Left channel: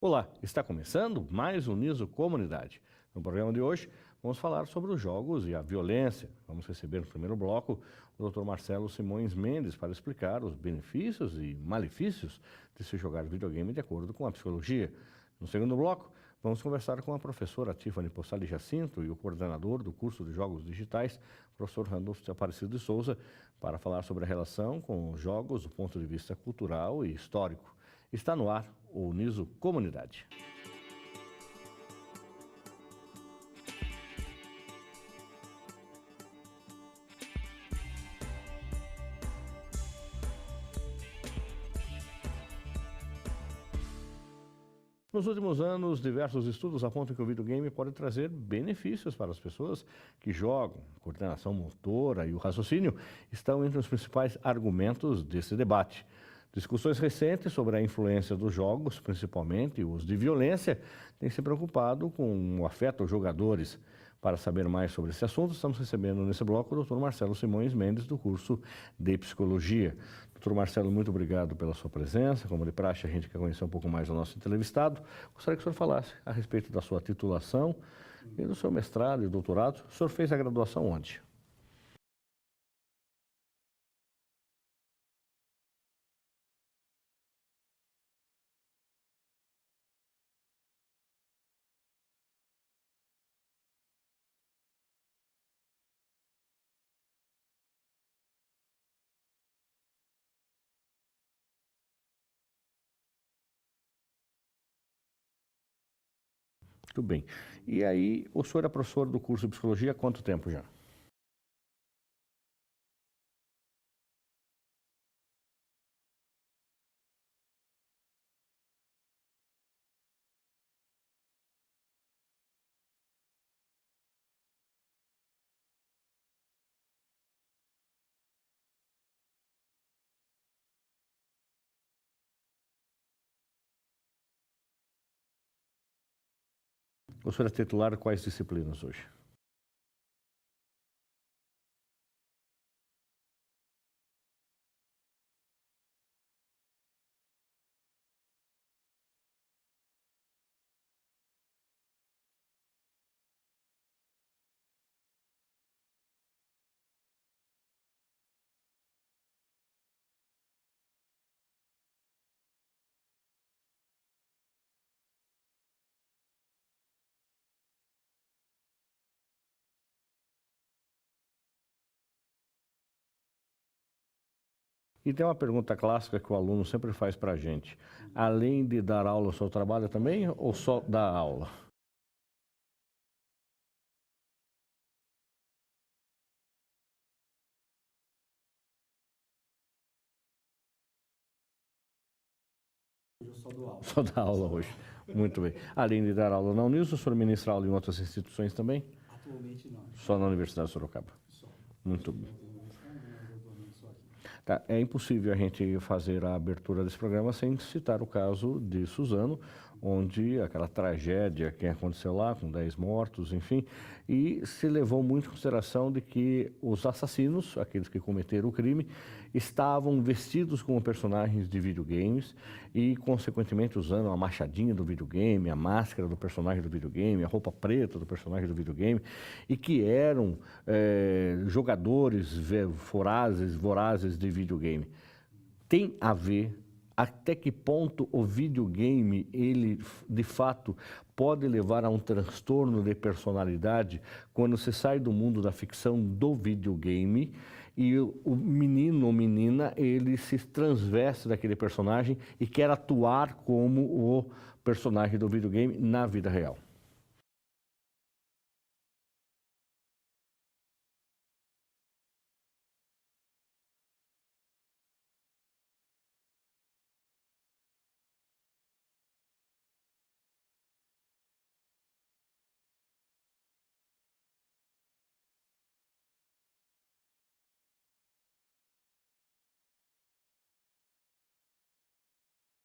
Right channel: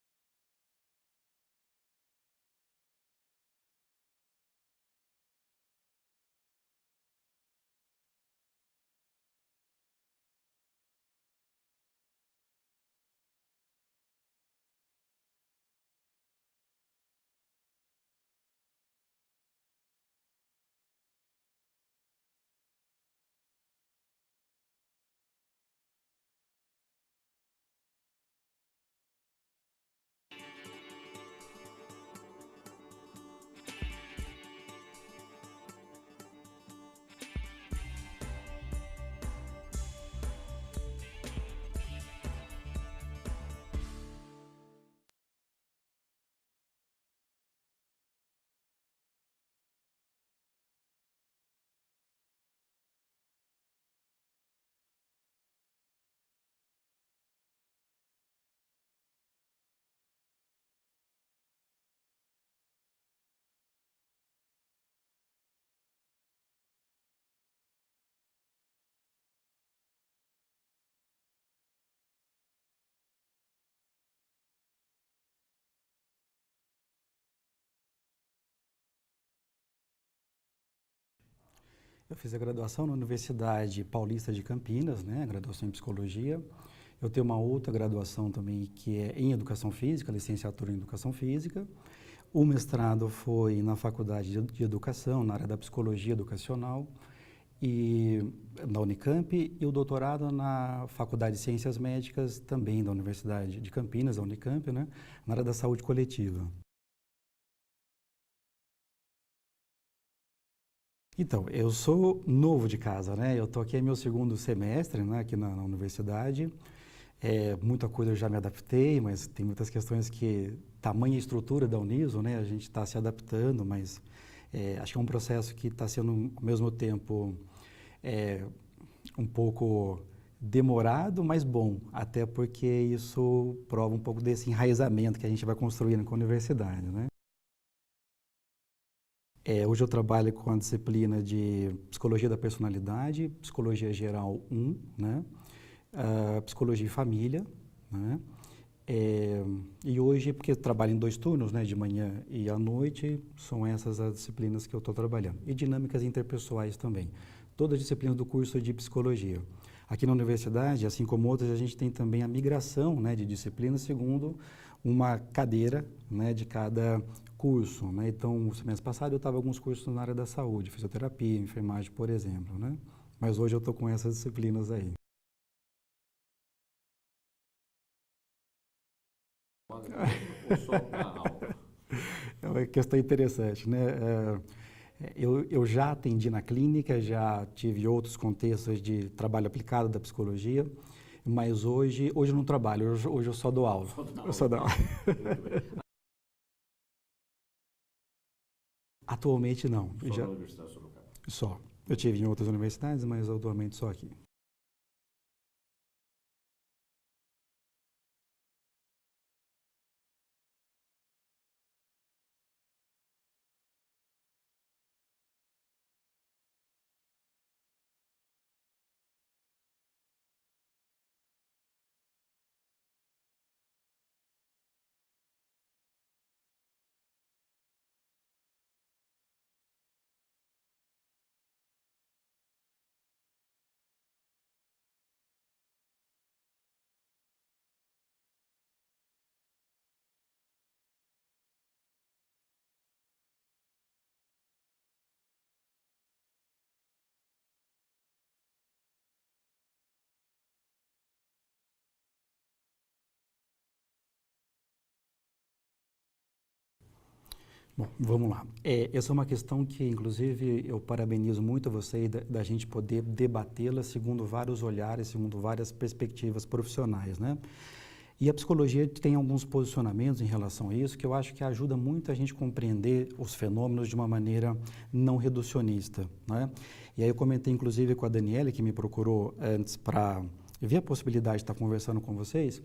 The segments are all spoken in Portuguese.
Olá, está começando mais um Niso Comunidade. No programa de hoje, vamos falar sobre os jogos e a violência. Vamos receber no primeiro bloco o Dr. Marcelo Simões Mendes para explicar os benefícios e malefícios de se jogar videogame de acordo com a psicologia. No segundo bloco, vamos conversar com a professora Tiffany Possali Jacinto e o coordenador do curso de Jogos Digitais, professor Randolfo Aparecido de Souza, para falar sobre a relação com os jogos do ponto de vista cultural e histórico. Está no ar o Niso Comunidade. Nos últimos anos, diversos estudos apontam que o videogame pode trazer benefícios para as pessoas que jogam. A coordenação motora e o raciocínio estão entre os principais argumentos desse debate. Discussões recentes sobre a influência dos jogos, principalmente os de violência, têm se preocupado com o afeto aos jogadores. Para saber mais sobre esse assunto, estamos recebendo nesse bloco o Dr. Marcelo Simões Mendes, do curso de Psicologia. Dr. Marcelo, muito obrigado pela sua presença. Como de praxe, a gente quer conhecer um pouco mais do nosso entrevistado. Gostaria que o senhor falasse a respeito da sua titulação e do seu mestrado e doutorado. O senhor fez a graduação onde? Eu fiz a graduação na Universidade Paulista de Campinas, né, a graduação em Psicologia. Eu tenho uma outra graduação também que é em Educação Física, licenciatura em Educação Física. O mestrado foi na Faculdade de Educação, na área da Psicologia Educacional, e na Unicamp, e o doutorado na Faculdade de Ciências Médicas, também da Universidade de Campinas, da Unicamp, né, na área da saúde coletiva. Muito bem. E aí, o senhor é professor do curso de Psicologia há quanto tempo já? Então, eu sou novo de casa, né? Eu estou aqui é meu segundo semestre, né, aqui na universidade. Muita coisa eu já me adaptei, mas tem muitas questões que, tamanha a estrutura da Uniso, né, a gente está se adaptando, mas acho que é um processo que está sendo, ao mesmo tempo, um pouco demorado, mas bom, até porque isso prova um pouco desse enraizamento que a gente vai construindo com a universidade, né? O senhor é titular de quais disciplinas hoje? Hoje eu trabalho com a disciplina de Psicologia da Personalidade, Psicologia Geral 1, né? Psicologia e Família, né? E hoje, porque eu trabalho em 2 turnos, né, de manhã e à noite, são essas as disciplinas que eu estou trabalhando. E dinâmicas interpessoais também. Todas as disciplinas do curso de Psicologia. Aqui na universidade, assim como outras, a gente tem também a migração, né, de disciplinas segundo uma cadeira, né, de cada curso, né? Então, no semestre passado eu estava em alguns cursos na área da saúde, fisioterapia, enfermagem, por exemplo, né? Mas hoje eu estou com essas disciplinas aí. E tem uma pergunta clássica que o aluno sempre faz para a gente. Além de dar aula, o senhor trabalha também ou só dá aula? É uma questão interessante, né? Eu já atendi na clínica, já tive outros contextos de trabalho aplicado da psicologia, mas hoje eu não trabalho, hoje eu só dou aula. Só dá aula. Só dá aula. Muito bem. Além de dar aula na Uniso, o senhor ministra aula em outras instituições também? Atualmente não. Só na Universidade de Sorocaba? Só. Eu tive em outras universidades, mas atualmente só aqui. Tá. É impossível a gente fazer a abertura desse programa sem citar o caso de Suzano, onde aquela tragédia que aconteceu lá, com 10 mortos, enfim, e se levou muito em consideração de que os assassinos, aqueles que cometeram o crime, estavam vestidos como personagens de videogames e, consequentemente, usando a machadinha do videogame, a máscara do personagem do videogame, a roupa preta do personagem do videogame, e que eram jogadores vorazes de videogame. Tem a ver até que ponto o videogame, ele, de fato, pode levar a um transtorno de personalidade quando você sai do mundo da ficção do videogame e o menino ou menina, ele se transveste daquele personagem e quer atuar como o personagem do videogame na vida real? Bom, vamos lá. Essa é uma questão que, inclusive, eu parabenizo muito a você da gente poder debatê-la segundo vários olhares, segundo várias perspectivas profissionais, né? E a psicologia tem alguns posicionamentos em relação a isso que eu acho que ajuda muito a gente compreender os fenômenos de uma maneira não reducionista, né? E aí eu comentei, inclusive, com a Daniela, que me procurou antes para ver a possibilidade de estar conversando com vocês.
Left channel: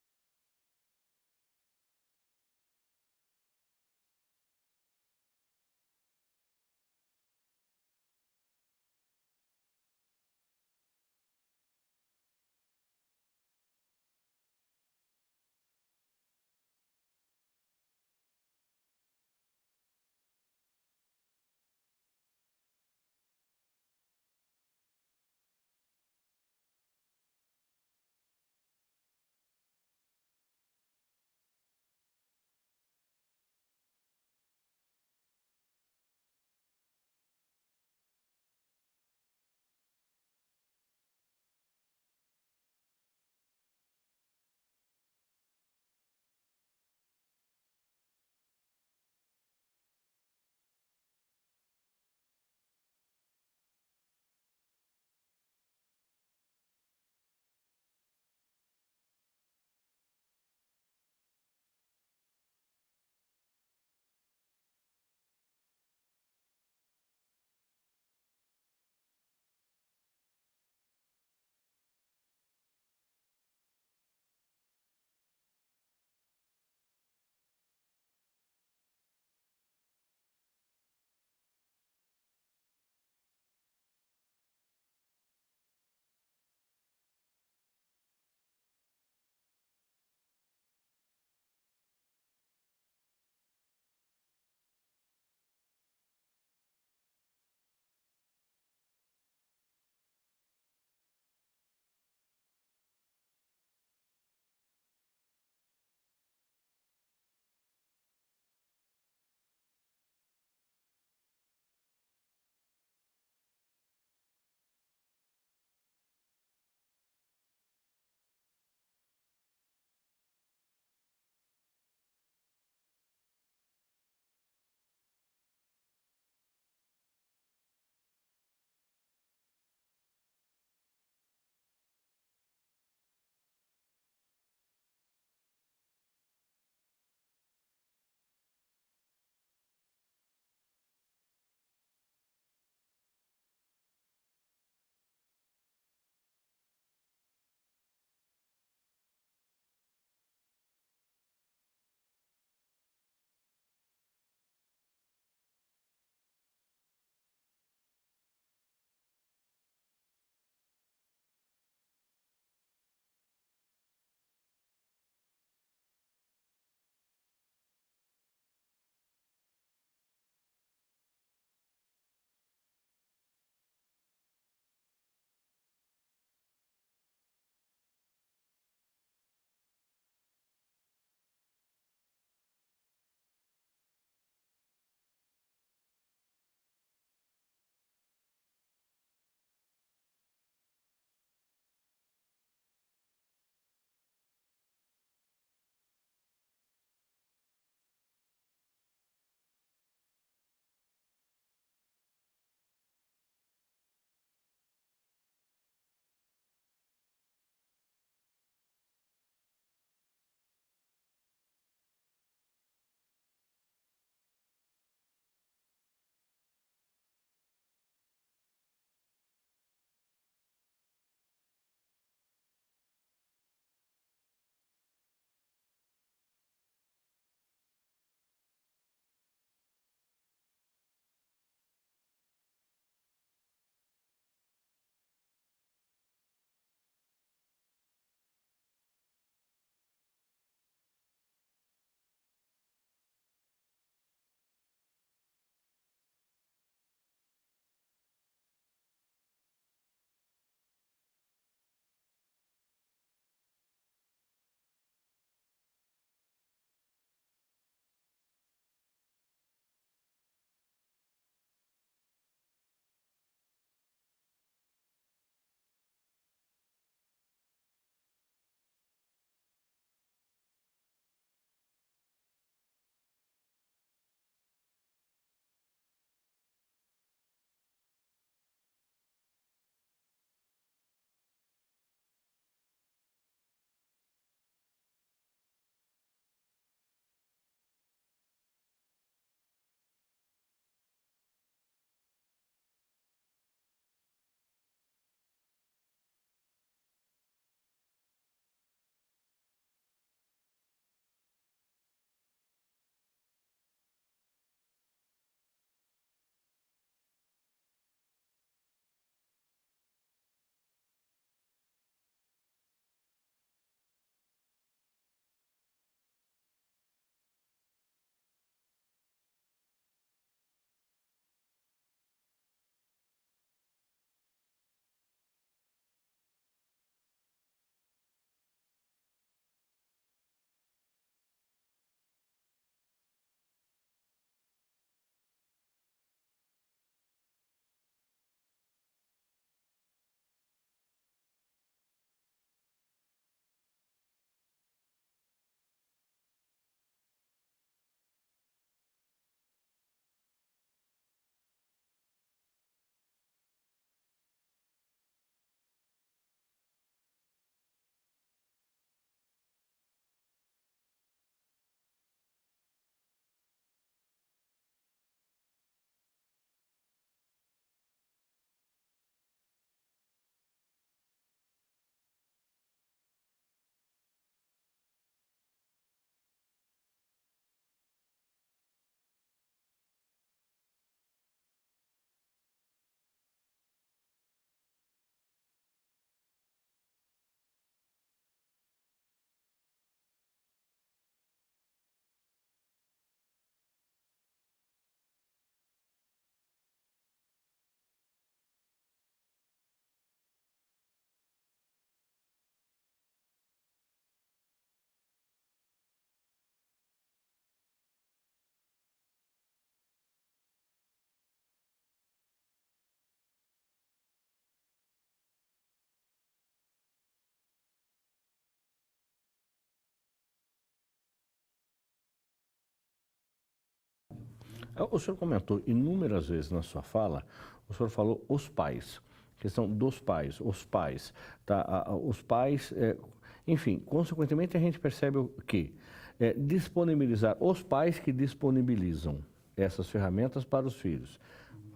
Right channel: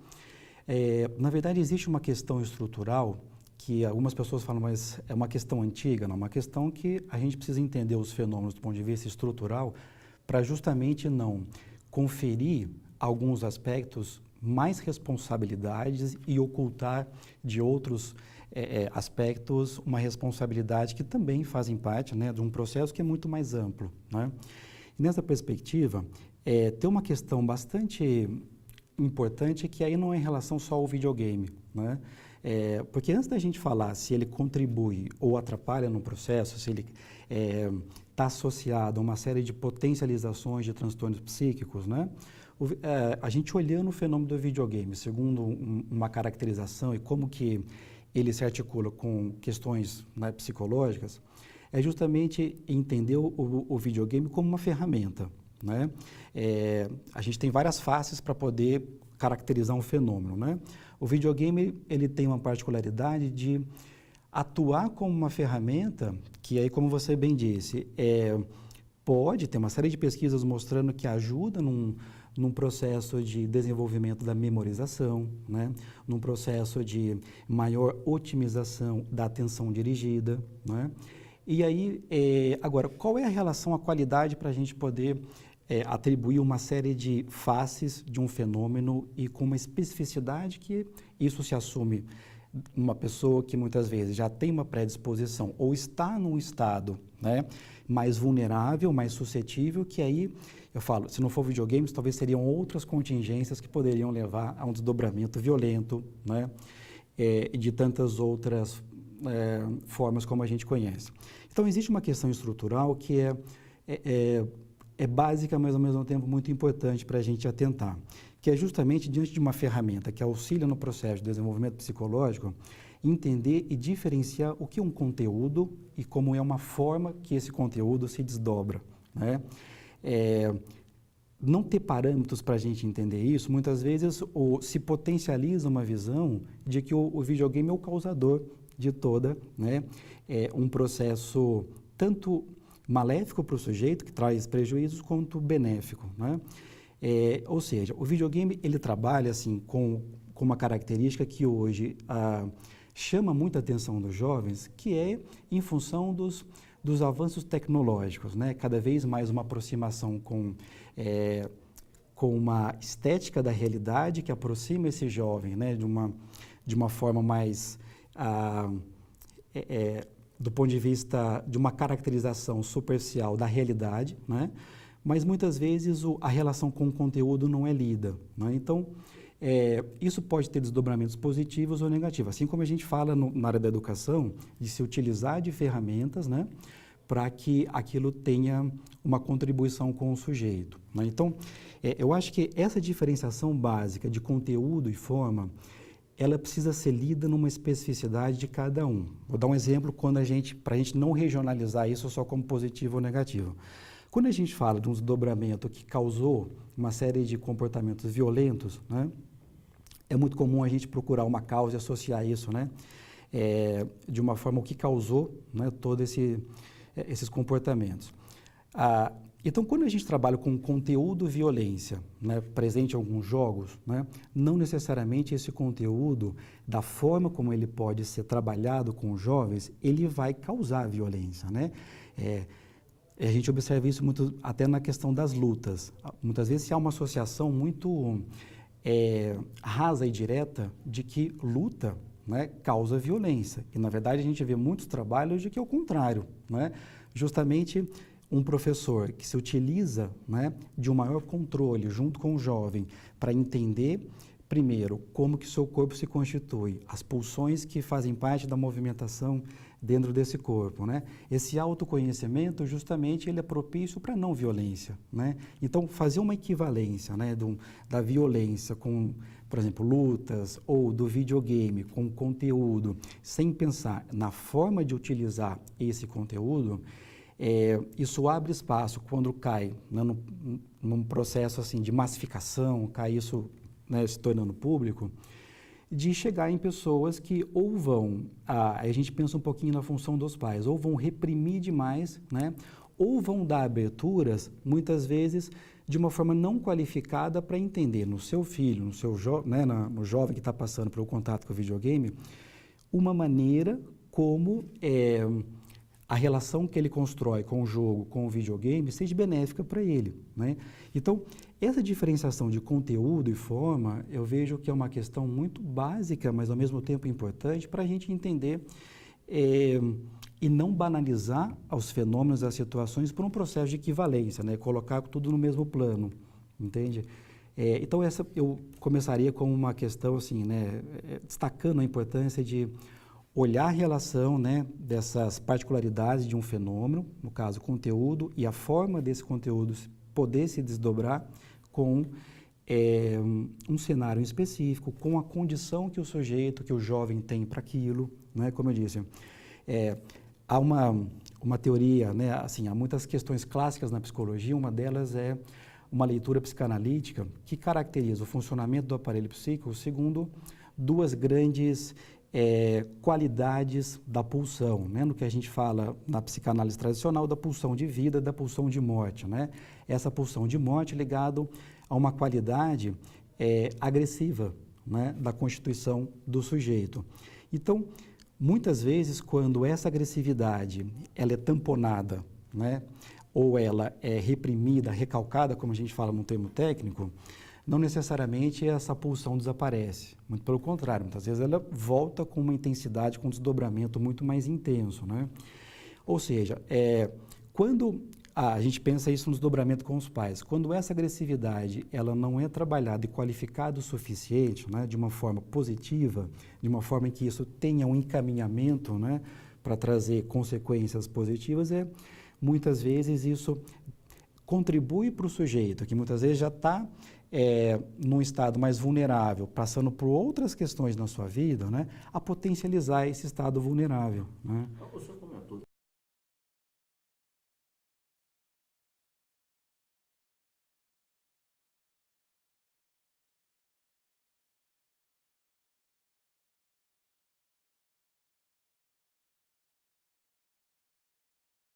Na verdade, existe uma questão estrutural que algumas pessoas falam, mas é uma questão antiga, não, é uma questão que a gente precisa entender os fenômenos do ponto de vista estrutural para justamente não conferir alguns aspectos mais responsabilidades e ocultar de outros aspectos uma responsabilidade que também fazem parte, né, de um processo que é muito mais amplo, né? E nessa perspectiva, tem uma questão bastante importante que aí não é em relação só ao videogame, né? Porque antes da gente falar se ele contribui ou atrapalha no processo, se ele está associado a uma série de potencializações de transtornos psíquicos, né? A gente olhando o fenômeno do videogame, segundo uma caracterização e como que ele se articula com questões, né, psicológicas, é justamente entender o videogame como uma ferramenta, né? A gente tem várias faces para poder caracterizar um fenômeno, né? O videogame, ele tem uma particularidade de atuar como uma ferramenta que aí, como você bem disse, pode ter uma série de pesquisas mostrando que ajuda num processo de desenvolvimento da memorização, né? Num processo de maior otimização da atenção dirigida, né? E aí, agora, qual é a relação à qualidade para a gente poder atribuir uma série de faces de um fenômeno e com uma especificidade que isso se assume uma pessoa que muitas vezes já tem uma predisposição ou está num estado, né, mais vulnerável, mais suscetível, que aí, eu falo, se não for videogames, talvez seriam outras contingências que poderiam levar a um desdobramento violento, né, e de tantas outras formas como a gente conhece. Então, existe uma questão estrutural que é básica, mas ao mesmo tempo muito importante para a gente atentar, que é justamente diante de uma ferramenta que auxilia no processo de desenvolvimento psicológico, entender e diferenciar o que é um conteúdo e como é uma forma que esse conteúdo se desdobra, né? Não ter parâmetros para a gente entender isso, muitas vezes se potencializa uma visão de que o videogame é o causador de toda, né, um processo tanto maléfico para o sujeito, que traz prejuízos, quanto benéfico, né? Ou seja, o videogame, ele trabalha assim, com uma característica que hoje chama muita atenção dos jovens, que é em função dos avanços tecnológicos, né? Cada vez mais uma aproximação com uma estética da realidade que aproxima esse jovem, né, de uma forma mais, do ponto de vista de uma caracterização superficial da realidade, né? Mas muitas vezes a relação com o conteúdo não é lida, né? Então, isso pode ter desdobramentos positivos ou negativos, assim como a gente fala na área da educação, de se utilizar de ferramentas, né, para que aquilo tenha uma contribuição com o sujeito, né? Então, eu acho que essa diferenciação básica de conteúdo e forma, ela precisa ser lida numa especificidade de cada um. Vou dar um exemplo para a gente não regionalizar isso só como positivo ou negativo. Quando a gente fala de um desdobramento que causou uma série de comportamentos violentos, né, é muito comum a gente procurar uma causa e associar isso, né, de uma forma o que causou, né, todos esses comportamentos. Então, quando a gente trabalha com conteúdo violência, né, presente em alguns jogos, né, não necessariamente esse conteúdo, da forma como ele pode ser trabalhado com os jovens, ele vai causar violência, né? A gente observa isso muito até na questão das lutas. Muitas vezes há uma associação muito rasa e direta de que luta, né, causa violência. E, na verdade, a gente vê muitos trabalhos de que é o contrário, né? Justamente um professor que se utiliza, né, de um maior controle junto com o jovem para entender, primeiro, como que o seu corpo se constitui, as pulsões que fazem parte da movimentação dentro desse corpo, né? Esse autoconhecimento, justamente, ele é propício para a não violência, né? Então, fazer uma equivalência, né, da violência com, por exemplo, lutas, ou do videogame com conteúdo, sem pensar na forma de utilizar esse conteúdo, isso abre espaço quando cai, né, num processo assim, de massificação, cai isso, né, se tornando público, de chegar em pessoas que ou vão, a gente pensa um pouquinho na função dos pais, ou vão reprimir demais, né, ou vão dar aberturas, muitas vezes, de uma forma não qualificada para entender no seu filho, no jovem que está passando pelo contato com o videogame, uma maneira como a relação que ele constrói com o jogo, com o videogame, seja benéfica para ele, né? Então, Essa diferenciação de conteúdo e forma, eu vejo que é uma questão muito básica, mas ao mesmo tempo importante para a gente entender e não banalizar os fenômenos, as situações por um processo de equivalência, né? Colocar tudo no mesmo plano, entende? Então essa eu começaria com uma questão assim, né? Destacando a importância de olhar a relação, né, dessas particularidades de um fenômeno, no caso conteúdo, e a forma desse conteúdo poder se desdobrar com um cenário específico, com a condição que o sujeito, que o jovem tem para aquilo, né? Como eu disse, há uma teoria, né? Assim, há muitas questões clássicas na psicologia, uma delas é uma leitura psicanalítica que caracteriza o funcionamento do aparelho psíquico segundo duas grandes qualidades da pulsão, né? No que a gente fala na psicanálise tradicional da pulsão de vida, da pulsão de morte, né? Essa pulsão de morte ligado a uma qualidade agressiva, né, da constituição do sujeito. Então, muitas vezes, quando essa agressividade ela é tamponada, né, ou ela é reprimida, recalcada, como a gente fala num termo técnico, não necessariamente essa pulsão desaparece. Muito pelo contrário, muitas vezes ela volta com uma intensidade, com um desdobramento muito mais intenso, né? Ou seja, quando a gente pensa isso no desdobramento com os pais, quando essa agressividade ela não é trabalhada e qualificada o suficiente, né, de uma forma positiva, de uma forma em que isso tenha um encaminhamento, né, para trazer consequências positivas, muitas vezes isso contribui para o sujeito, que muitas vezes já está num estado mais vulnerável, passando por outras questões na sua vida, né, a potencializar esse estado vulnerável, né? O senhor comentou inúmeras vezes na sua fala, o senhor falou os pais, questão dos pais, os pais, tá? Os pais, enfim, consequentemente a gente percebe o que disponibilizar, os pais que disponibilizam essas ferramentas para os filhos,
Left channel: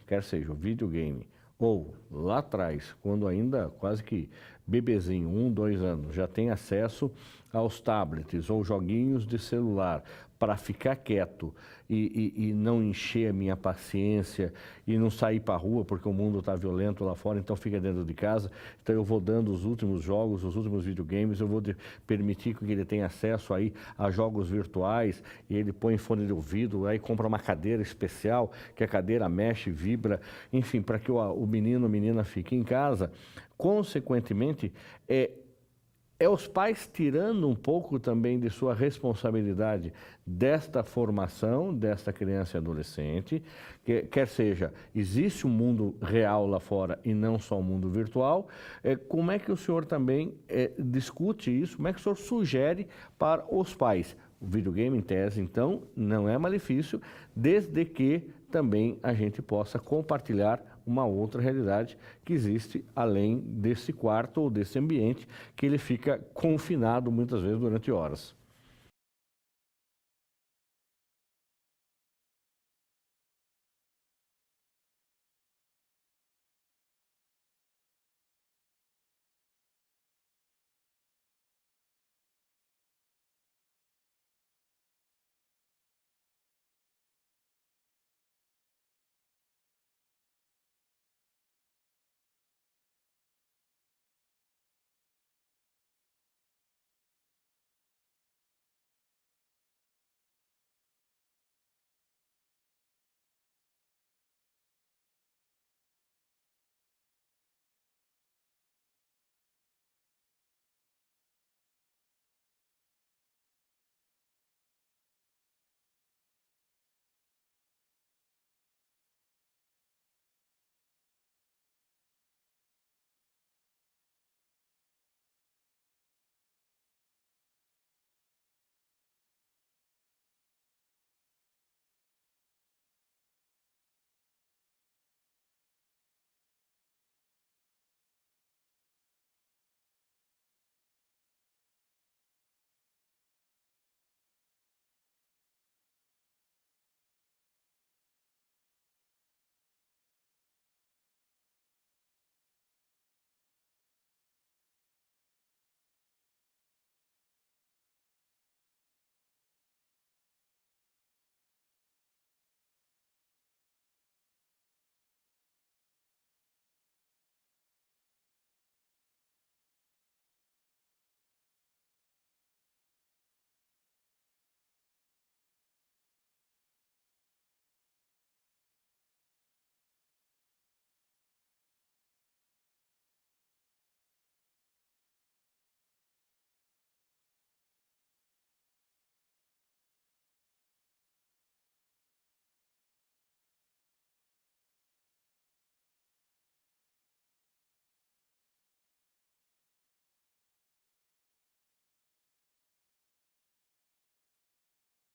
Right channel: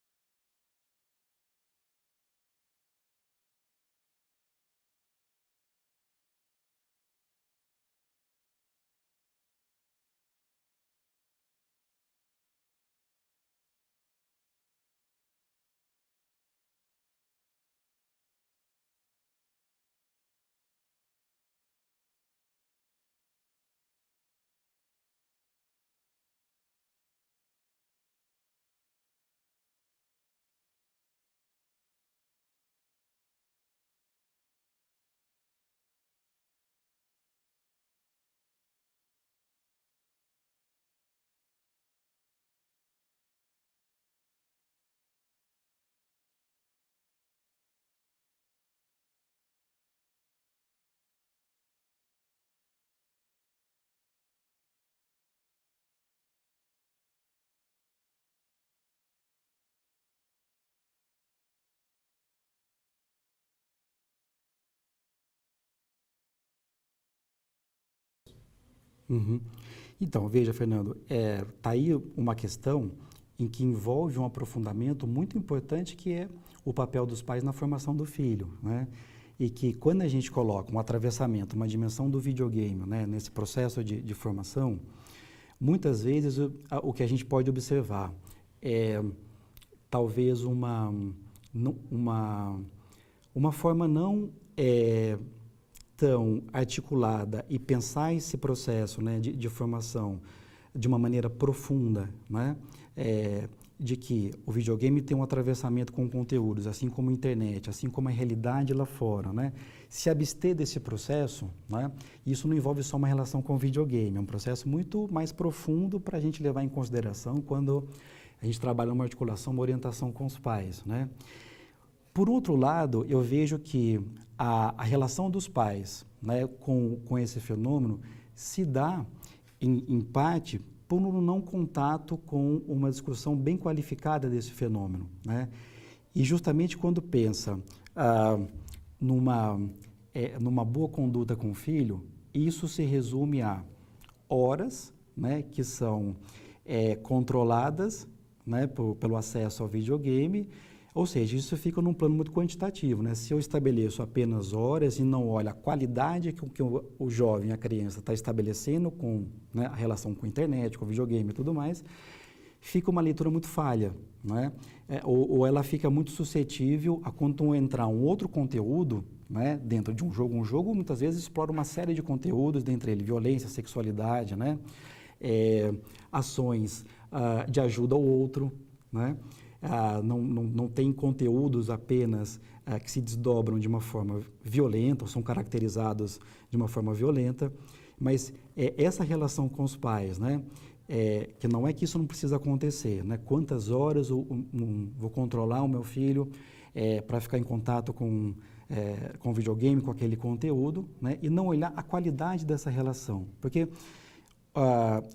quer seja o videogame, ou lá atrás, quando ainda quase que bebezinho, 1, 2 anos, já tem acesso aos tablets ou joguinhos de celular para ficar quieto e não encher a minha paciência e não sair para a rua porque o mundo está violento lá fora, então fica dentro de casa. Então eu vou dando os últimos jogos, os últimos videogames, eu vou permitir que ele tenha acesso aí a jogos virtuais e ele põe fone de ouvido, aí compra uma cadeira especial, que a cadeira mexe, vibra, enfim, para que o menino ou menina fique em casa. Consequentemente, os pais tirando um pouco também de sua responsabilidade desta formação, desta criança e adolescente, quer seja, existe um mundo real lá fora e não só um mundo virtual. Como é que o senhor também discute isso? Como é que o senhor sugere para os pais? O videogame, em tese, então, não é malefício, desde que também a gente possa compartilhar uma outra realidade que existe além desse quarto ou desse ambiente que ele fica confinado muitas vezes durante horas. Uhum. Então, veja, Fernando, tá aí uma questão em que envolve um aprofundamento muito importante que é o papel dos pais na formação do filho, né? E que quando a gente coloca um atravessamento, uma dimensão do videogame, né, nesse processo de formação, muitas vezes o que a gente pode observar é talvez uma forma não tão articulada e pensar esse processo, né, de formação de uma maneira profunda, né, de que o videogame tem um atravessamento com conteúdos, assim como a internet, assim como a realidade lá fora, né? Se abster desse processo, né, isso não envolve só uma relação com o videogame, é um processo muito mais profundo para a gente levar em consideração quando a gente trabalha uma articulação, uma orientação com os pais, né? Por outro lado, eu vejo que a relação dos pais, né, com esse fenômeno se dá, em parte, por um não contato com uma discussão bem qualificada desse fenômeno, né? E justamente quando pensa numa boa conduta com o filho, isso se resume a horas, né, que são controladas, né, pelo acesso ao videogame, ou seja, isso fica num plano muito quantitativo, né? Se eu estabeleço apenas horas e não olho a qualidade que o jovem, a criança está estabelecendo com, né, a relação com a internet, com o videogame e tudo mais, fica uma leitura muito falha, né? Ou ela fica muito suscetível a quando entrar um outro conteúdo, né, dentro de um jogo muitas vezes explora uma série de conteúdos, dentre eles violência, sexualidade, né? Ações de ajuda ao outro, né? Não tem conteúdos apenas que se desdobram de uma forma violenta, ou são caracterizados de uma forma violenta, mas essa relação com os pais, né? Que não é que isso não precisa acontecer, né? Quantas horas vou controlar o meu filho para ficar em contato com videogame, com aquele conteúdo, né? E não olhar a qualidade dessa relação, porque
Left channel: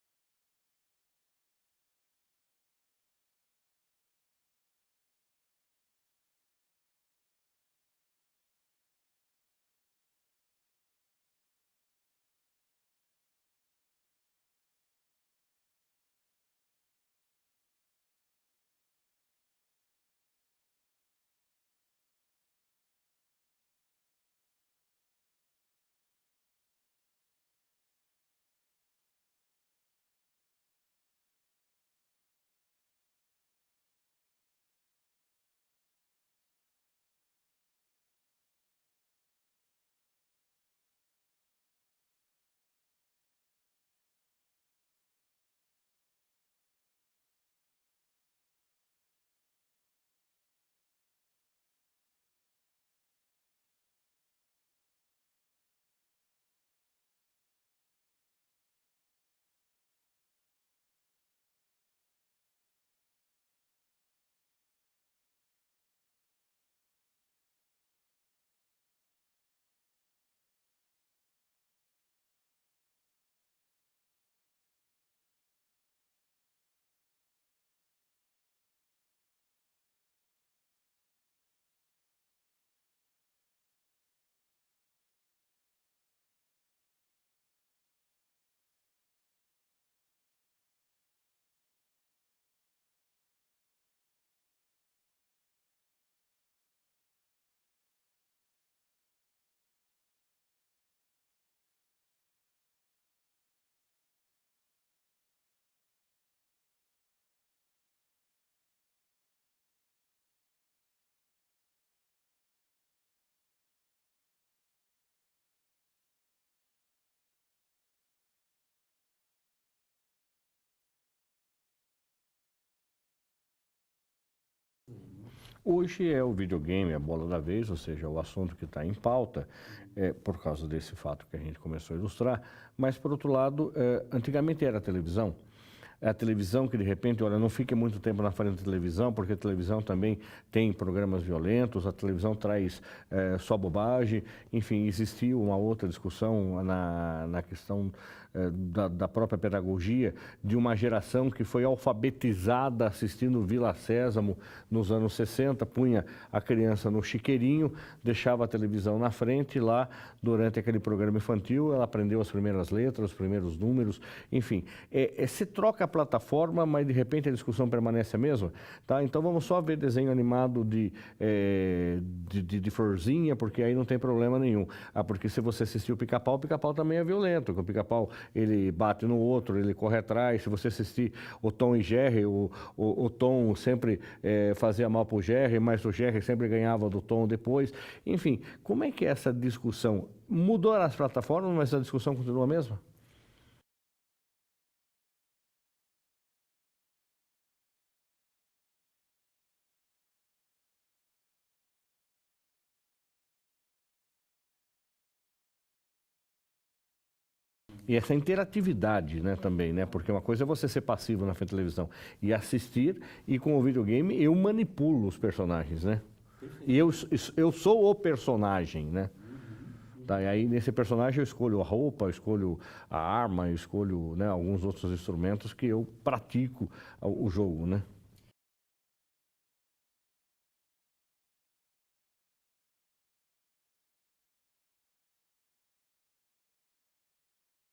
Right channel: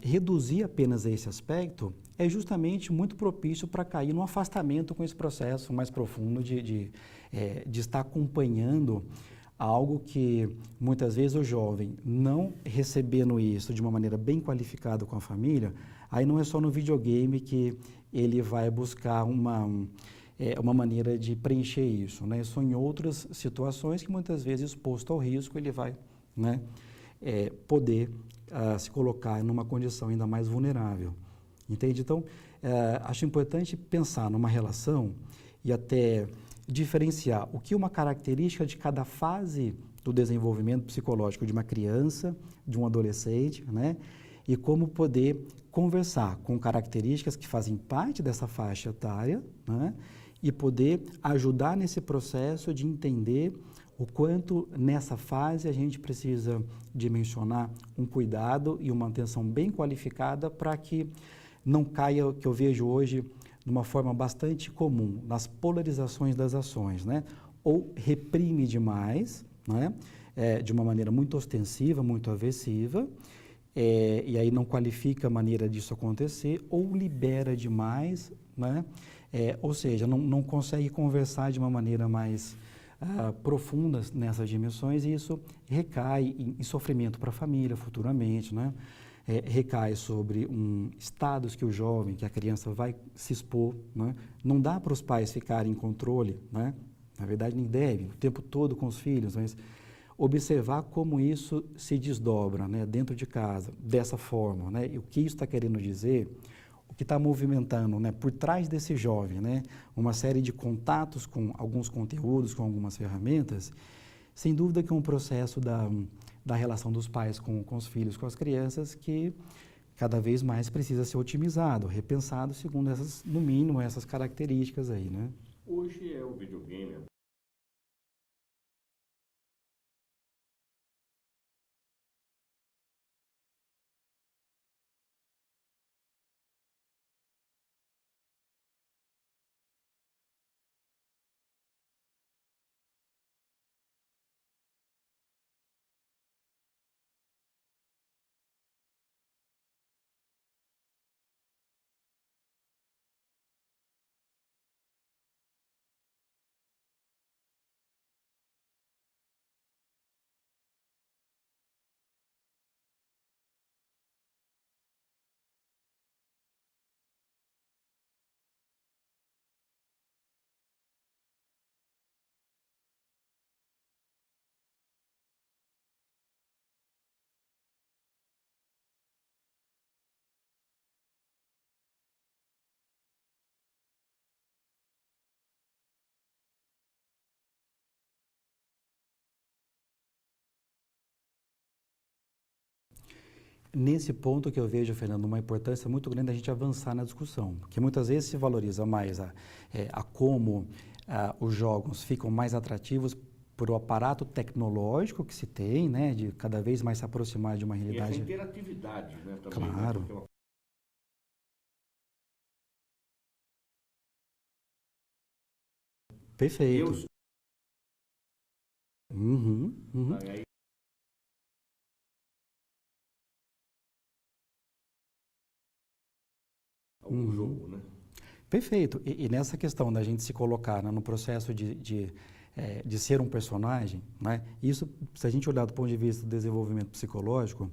reduzir apenas esse aspecto é justamente muito propício para cair no afastamento com esse processo mais profundo de estar acompanhando algo que muitas vezes o jovem, não recebendo isso de uma maneira bem qualificada com a família, aí não é só no videogame que ele vai buscar uma maneira de preencher isso, né? São em outras situações que muitas vezes, exposto ao risco, ele vai, né, poder se colocar numa condição ainda mais vulnerável, entende? Então, acho importante pensar numa relação e até diferenciar o que é uma característica de cada fase do desenvolvimento psicológico de uma criança, de um adolescente, né? E como poder conversar com características que fazem parte dessa faixa etária, né? E poder ajudar nesse processo de entender o quanto nessa fase a gente precisa dimensionar um cuidado e uma atenção bem qualificada para que não caia o que eu vejo hoje de uma forma bastante comum, nas polarizações das ações, né? Ou reprime demais, né? De uma maneira muito ostensiva, muito aversiva, e aí não qualifica a maneira disso acontecer, ou libera demais, né? Ou seja, não consegue conversar de uma maneira mais profunda nessas dimensões, e isso recai em sofrimento para a família futuramente, né? Recai sobre estados que o jovem, que a criança vai se expor, né? Não dá para os pais ficarem em controle, né? Na verdade, nem deve, o tempo todo com os filhos, mas observar como isso se desdobra, né, dentro de casa, dessa forma, né? E o que isso está querendo dizer, o que está movimentando, né, por trás desse jovem, né? Uma série de contatos com alguns conteúdos, com algumas ferramentas, sem dúvida que é um processo da relação dos pais com os filhos, com as crianças, que cada vez mais precisa ser otimizado, repensado segundo no mínimo, essas características aí, né? Hoje é o videogame a bola da vez, ou seja, o assunto que está em pauta, por causa desse fato que a gente começou a ilustrar, mas, por outro lado, antigamente era a televisão. A televisão que, de repente, olha, não fique muito tempo na frente da televisão, porque a televisão também tem programas violentos, a televisão traz só bobagem, enfim, existiu uma outra discussão na questão da própria pedagogia, de uma geração que foi alfabetizada assistindo Vila Sésamo nos anos 60, punha a criança no chiqueirinho, deixava a televisão na frente, e lá, durante aquele programa infantil, ela aprendeu as primeiras letras, os primeiros números, enfim. Se troca a plataforma, mas de repente a discussão permanece a mesma, tá? Então vamos só ver desenho animado de florzinha, porque aí não tem problema nenhum. Porque se você assistir o Pica-Pau também é violento, porque o Pica-Pau, ele bate no outro, ele corre atrás. Se você assistir o Tom e Jerry, o Tom sempre fazia mal para o Jerry, mas o Jerry sempre ganhava do Tom depois. Enfim, como é que é essa discussão? Mudou as plataformas, mas a discussão continua a mesma? Nesse ponto que eu vejo, Fernando, uma importância muito grande a gente avançar na discussão, porque muitas vezes se valoriza mais a como os jogos ficam mais atrativos por o aparato tecnológico que se tem, né, de cada vez mais se aproximar de uma realidade. E essa interatividade, né, também, claro, né, porque uma coisa é você ser passivo na frente da televisão e assistir, e com o videogame eu manipulo os personagens, né? Perfeito. Eu sou o personagem, né? Tá, e aí nesse personagem eu escolho a roupa, eu escolho a arma, eu escolho, né, alguns outros instrumentos que eu pratico o jogo, né? Perfeito. E nessa questão da gente se colocar, né, no processo de ser um personagem, né? Isso, se a gente olhar do ponto de vista do desenvolvimento psicológico,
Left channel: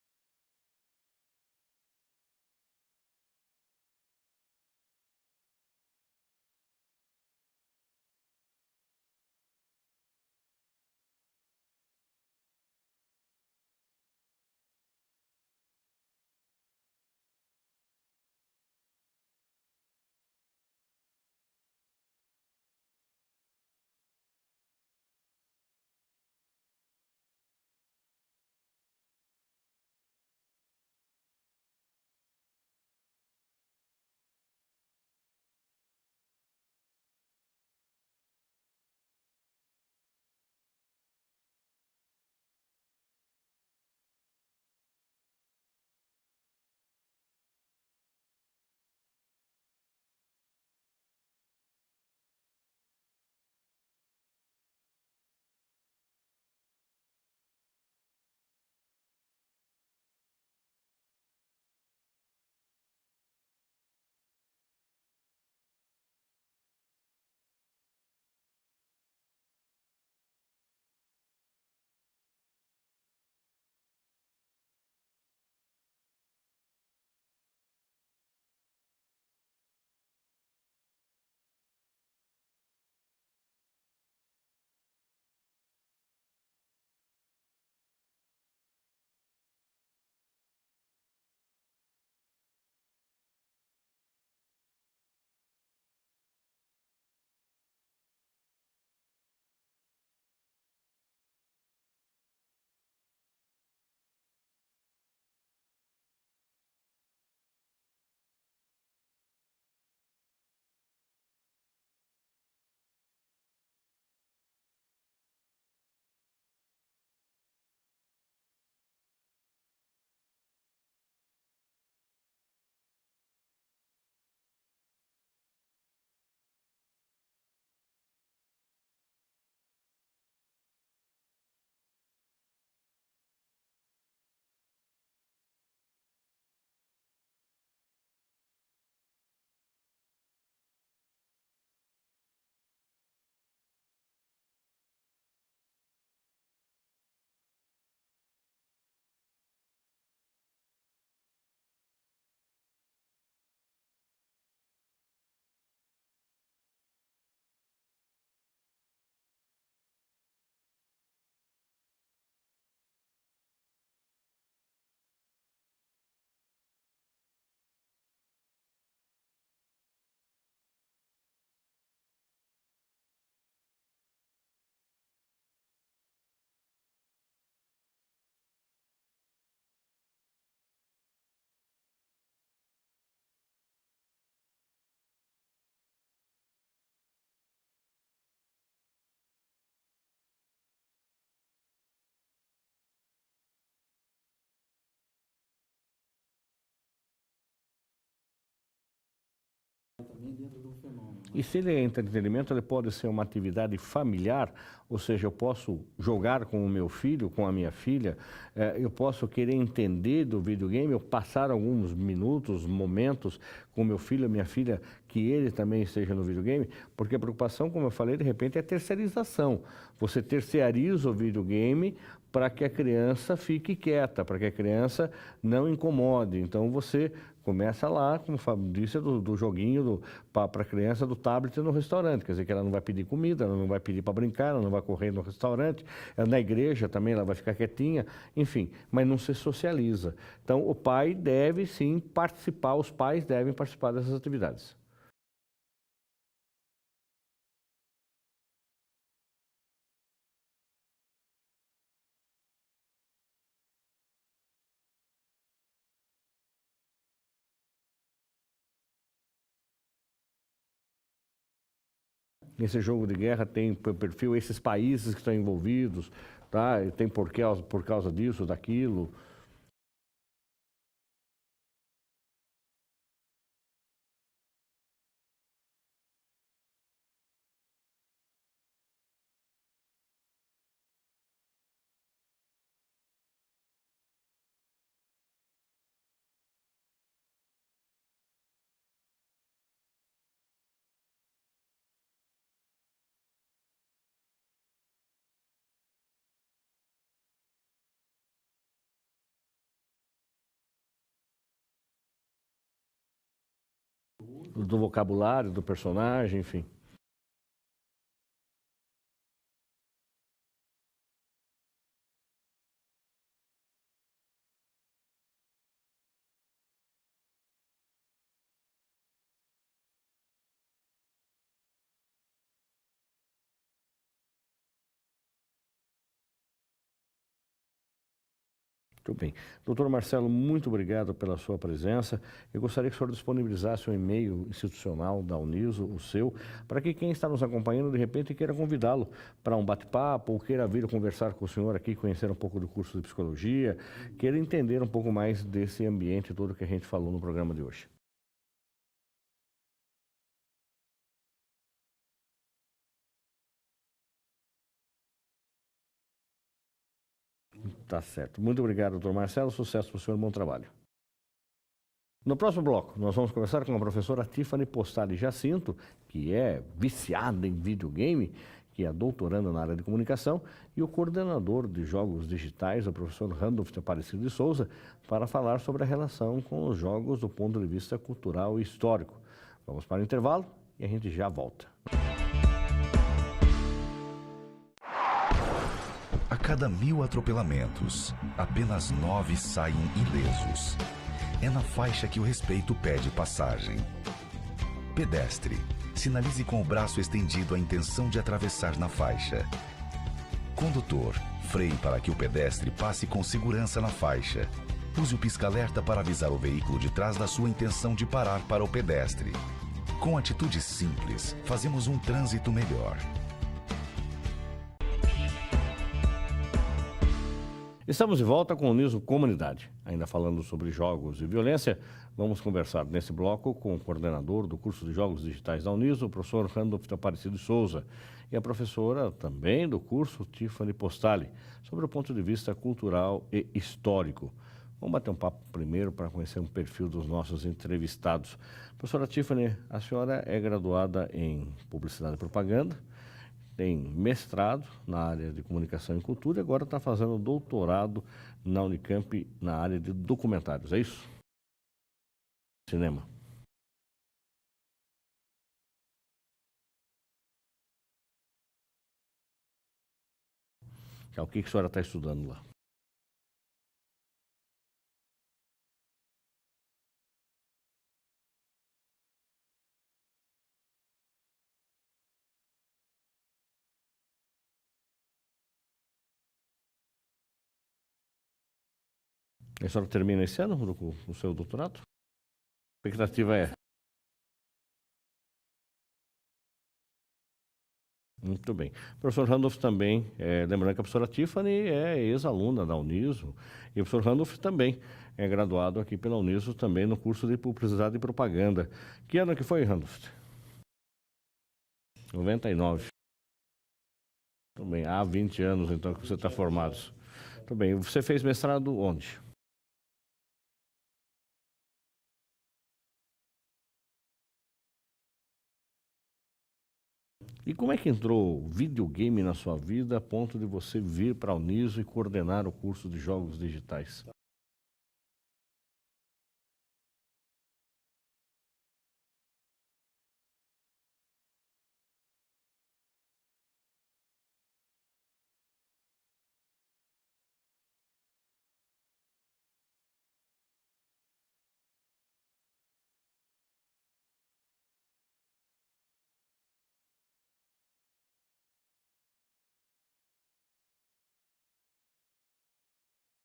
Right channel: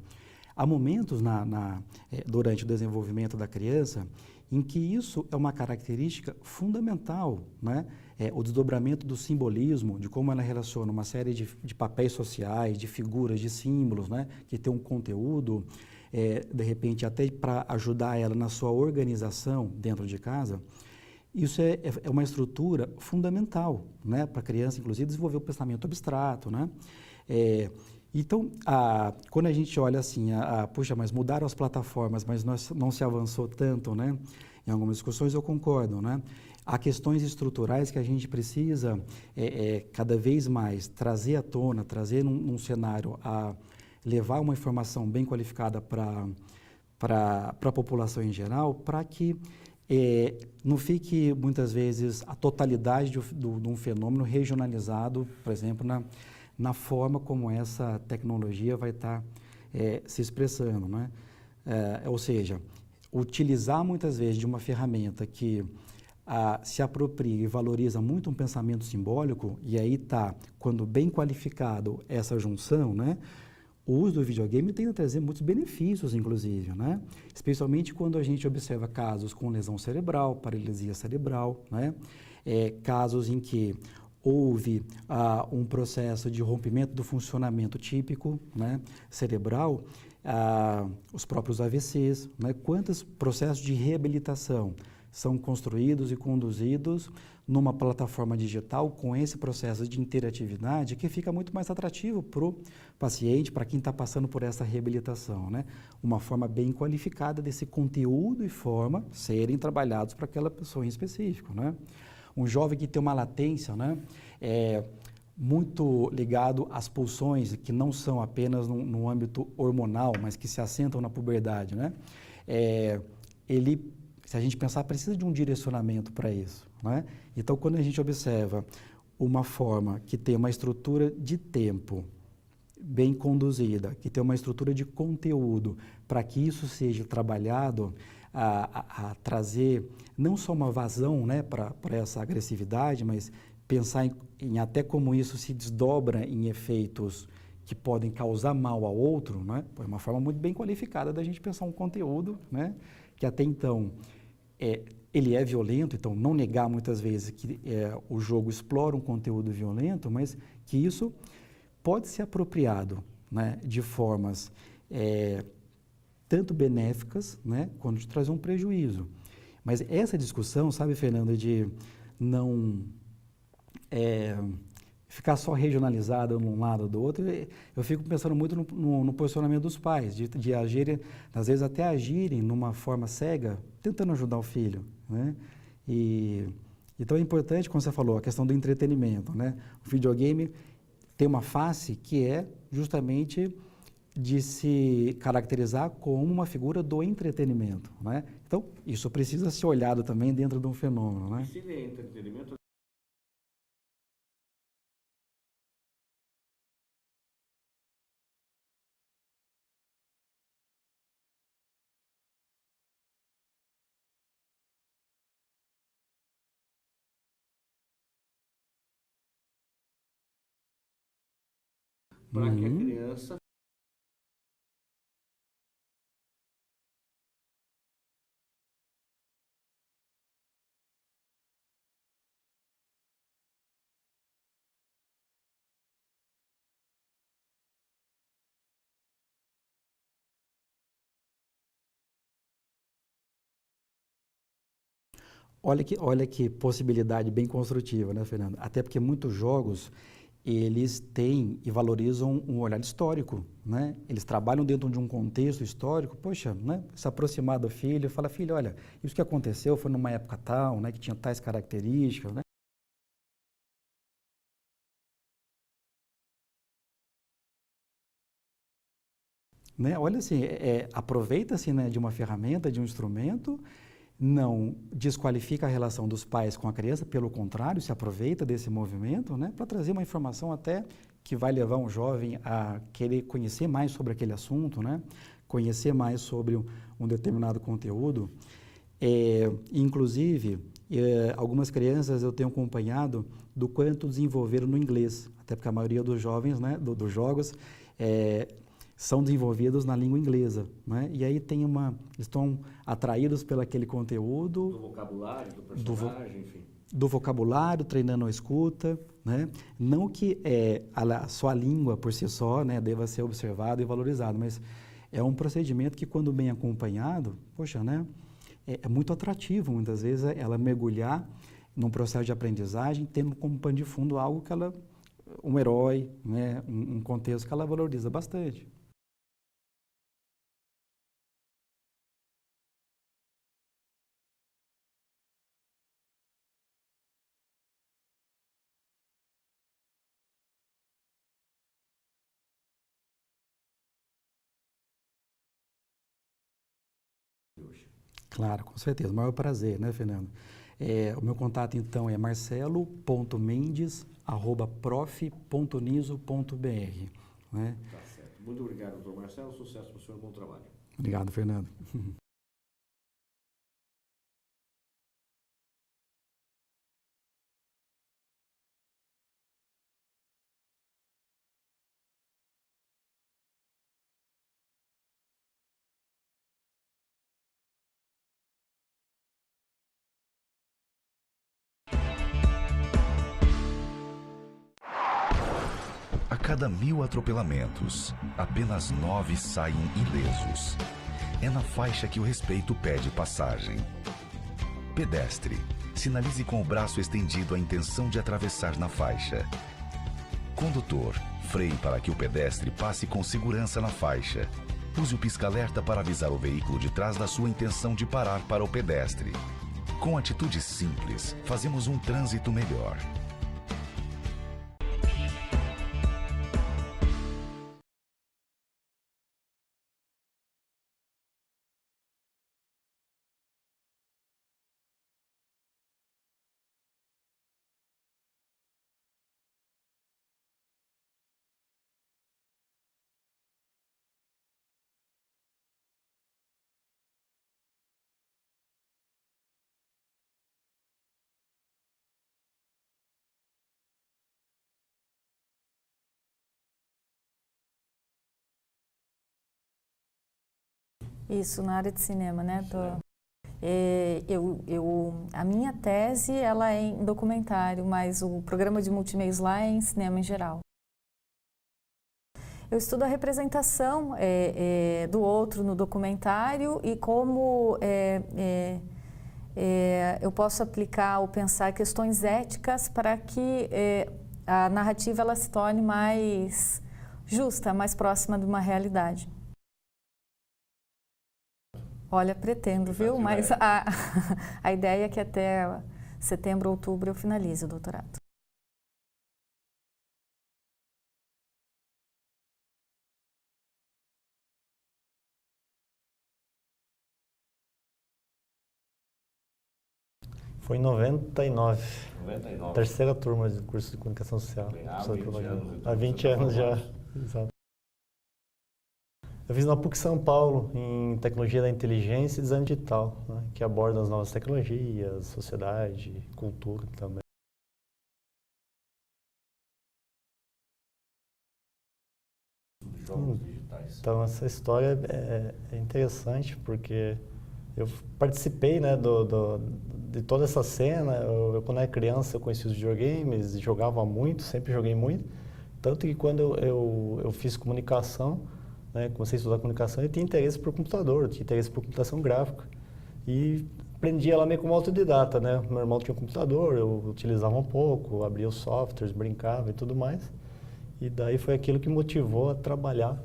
há momentos durante o desenvolvimento da criança em que isso é uma característica fundamental, né? O desdobramento do simbolismo, de como ela relaciona uma série de papéis sociais, de figuras, de símbolos, né? Que tem um conteúdo, de repente até para ajudar ela na sua organização dentro de casa, isso é uma estrutura fundamental, né, para a criança, inclusive, desenvolver o pensamento abstrato, né? Então, quando a gente olha assim, puxa, mas mudaram as plataformas, mas não se avançou tanto, né? Em algumas discussões eu concordo, né? Há questões estruturais que a gente precisa cada vez mais trazer à tona, trazer num cenário, levar uma informação bem qualificada para a população em geral, para que não fique, muitas vezes, a totalidade de um fenômeno regionalizado, por exemplo, na forma como essa tecnologia vai estar se expressando, né? Ou seja, utilizar muitas vezes de uma ferramenta que se apropria e valoriza muito um pensamento simbólico, e aí está, quando bem qualificado essa junção, né? O uso do videogame tem a trazer muitos benefícios, inclusive, né? Especialmente quando a gente observa casos com lesão cerebral, paralisia cerebral, né? Casos em que houve um processo de rompimento do funcionamento típico, né, cerebral, os próprios AVCs, né? Quantos processos de reabilitação são construídos e conduzidos numa plataforma digital com esse processo de interatividade que fica muito mais atrativo para o paciente, para quem está passando por essa reabilitação, né? Uma forma bem qualificada desse conteúdo e forma serem trabalhados para aquela pessoa em específico, né? Um jovem que tem uma latência, né, muito ligado às pulsões, que não são apenas no âmbito hormonal, mas que se assentam na puberdade, né? Ele, se a gente pensar, precisa de um direcionamento para isso, né? Então, quando a gente observa uma forma que tem uma estrutura de tempo bem conduzida, que tem uma estrutura de conteúdo, para que isso seja trabalhado, a trazer não só uma vazão, né, para essa agressividade, mas pensar em até como isso se desdobra em efeitos que podem causar mal ao outro, né? É uma forma muito bem qualificada da gente pensar um conteúdo, né, que até então ele é violento, então não negar muitas vezes que o jogo explora um conteúdo violento, mas que isso pode ser apropriado, né, de formas tanto benéficas, né, quanto de trazer um prejuízo. Mas essa discussão, sabe, Fernanda, de não ficar só regionalizada num lado ou do outro, eu fico pensando muito no posicionamento dos pais, de agirem, às vezes até agirem numa forma cega, tentando ajudar o filho, né? Então é importante, como você falou, a questão do entretenimento, né? O videogame tem uma face que é justamente de se caracterizar como uma figura do entretenimento, né? Então, isso precisa ser olhado também dentro de um fenômeno, né? E se ele é entretenimento, ele pode ser uma atividade familiar, ou seja, eu posso jogar com o meu filho, com a minha filha, eu posso querer entender do videogame, eu passar alguns minutos, momentos com meu filho, minha filha, que ele também esteja no videogame, porque a preocupação, como eu falei, de repente é a terceirização. Você terceiriza o videogame para que a criança fique quieta, para que a criança não incomode. Então você começa lá, como o Fábio disse, do joguinho para a criança do tablet no restaurante. Quer dizer que ela não vai pedir comida, ela não vai pedir para brincar, ela não vai correr no restaurante. Na igreja também ela vai ficar quietinha, enfim, mas não se socializa. Então o pai deve sim participar, os pais devem participar dessas atividades. Olha que possibilidade bem construtiva, né, Fernando? Até porque muitos jogos, eles têm e valorizam um olhar histórico, né? Eles trabalham dentro de um contexto histórico, poxa, né? Se aproximar do filho, fala, filho, olha, isso que aconteceu foi numa época tal, né? Que tinha tais características, né? Nesse jogo de guerra tem perfil esses países que estão envolvidos, tá? E tem por causa disso, daquilo. Né? Olha assim, aproveita-se, né, de uma ferramenta, de um instrumento, não desqualifica a relação dos pais com a criança, pelo contrário, se aproveita desse movimento, né, para trazer uma informação até que vai levar um jovem a querer conhecer mais sobre aquele assunto, né, conhecer mais sobre um determinado conteúdo. Inclusive, algumas crianças eu tenho acompanhado do quanto desenvolveram no inglês, até porque a maioria dos jovens, né, dos jogos, são desenvolvidos na língua inglesa, né? E aí estão atraídos pelo aquele conteúdo. Do vocabulário, do personagem, enfim. Do vocabulário, treinando a escuta, né? Não que só a língua por si só, né, deva ser observada e valorizada, mas É um procedimento que, quando bem acompanhado, poxa, né, é muito atrativo, muitas vezes, ela mergulhar num processo de aprendizagem, tendo como pano de fundo algo que ela, um herói, né, um contexto que ela valoriza bastante. Muito bem. Doutor Marcelo, muito obrigado pela sua presença. Eu gostaria que o senhor disponibilizasse um e-mail institucional da Uniso, o seu, para que quem está nos acompanhando, de repente, queira convidá-lo para um bate-papo ou queira vir conversar com o senhor aqui, conhecer um pouco do curso de psicologia, queira entender um pouco mais desse ambiente todo que a gente falou no programa de hoje. Claro, com certeza. O maior prazer, né, Fernando? O meu contato, então, é marcelo.mendes@prof.uniso.br. Né? Tá certo. Muito obrigado, doutor Marcelo. Sucesso para o senhor, bom trabalho. Obrigado, Fernando. No próximo bloco, nós vamos conversar com a professora Tiffany Postali Jacinto, que é viciada em videogame, que é doutoranda na área de comunicação, e o coordenador de jogos digitais, o professor Randolph Aparecido de Souza, para falar sobre a relação com os jogos do ponto de vista cultural e histórico. Vamos para o intervalo e a gente já volta. A cada 1000 atropelamentos, apenas 9 saem ilesos. É na faixa que o respeito pede passagem. Pedestre, sinalize com o braço estendido a intenção de atravessar na faixa. Condutor, freie para que o pedestre passe com segurança na faixa. Use o pisca-alerta para avisar o veículo de trás da sua intenção de parar para o pedestre. Com atitudes simples, fazemos um trânsito melhor. Estamos de volta com o Uniso Comunidade. Ainda falando sobre jogos e violência, vamos conversar nesse bloco com o coordenador do curso de Jogos Digitais da Uniso, o professor Randolph Aparecido de Souza, e a professora também do curso, Tiffany Postali, sobre o ponto de vista cultural e histórico. Vamos bater um papo primeiro para conhecer um perfil dos nossos entrevistados. Professora Tiffany, a senhora é graduada em Publicidade e Propaganda, tem mestrado na área de Comunicação e Cultura e agora está fazendo doutorado na Unicamp na área de documentários, é isso? Isso, na área de cinema, né? Cinema. A minha tese ela é em documentário, mas o programa de multimeios lá é em cinema em geral. O que a senhora está estudando lá? Eu estudo a representação do outro no documentário e como eu posso aplicar ou pensar questões éticas para que a narrativa ela se torne mais justa, mais próxima de uma realidade. A senhora termina esse ano o seu doutorado? Olha, pretendo, viu? Mas a ideia é que até setembro, outubro eu finalize o doutorado. Muito bem. O professor Randolph também, lembrando que a professora Tiffany é ex-aluna da Uniso, e o professor Randolph também é graduado aqui pela Uniso, também no curso de Publicidade e Propaganda. Que ano que foi, Randolph? Foi em 99. 99. Terceira turma do curso de Comunicação Social. Bem, há 20 anos, então, há 20 você está anos formado. já. Exato. Muito bem. Você fez mestrado onde? Eu fiz na PUC São Paulo, em Tecnologia da Inteligência e Design Digital, né, que aborda as novas tecnologias, sociedade, cultura também. E como é que entrou o videogame na sua vida a ponto de você vir para a Uniso e coordenar o curso de Jogos Digitais? Então, essa história é interessante porque eu participei, né, de toda essa cena. Quando era criança, eu conhecia os videogames, jogava muito, sempre joguei muito. Tanto que quando eu fiz comunicação, né, comecei a estudar comunicação, eu tinha interesse por computador, eu tinha interesse por computação gráfica. E aprendi ela meio como autodidata, né? Meu irmão tinha um computador, eu utilizava um pouco, abria os softwares, brincava e tudo mais. E daí foi aquilo que motivou a trabalhar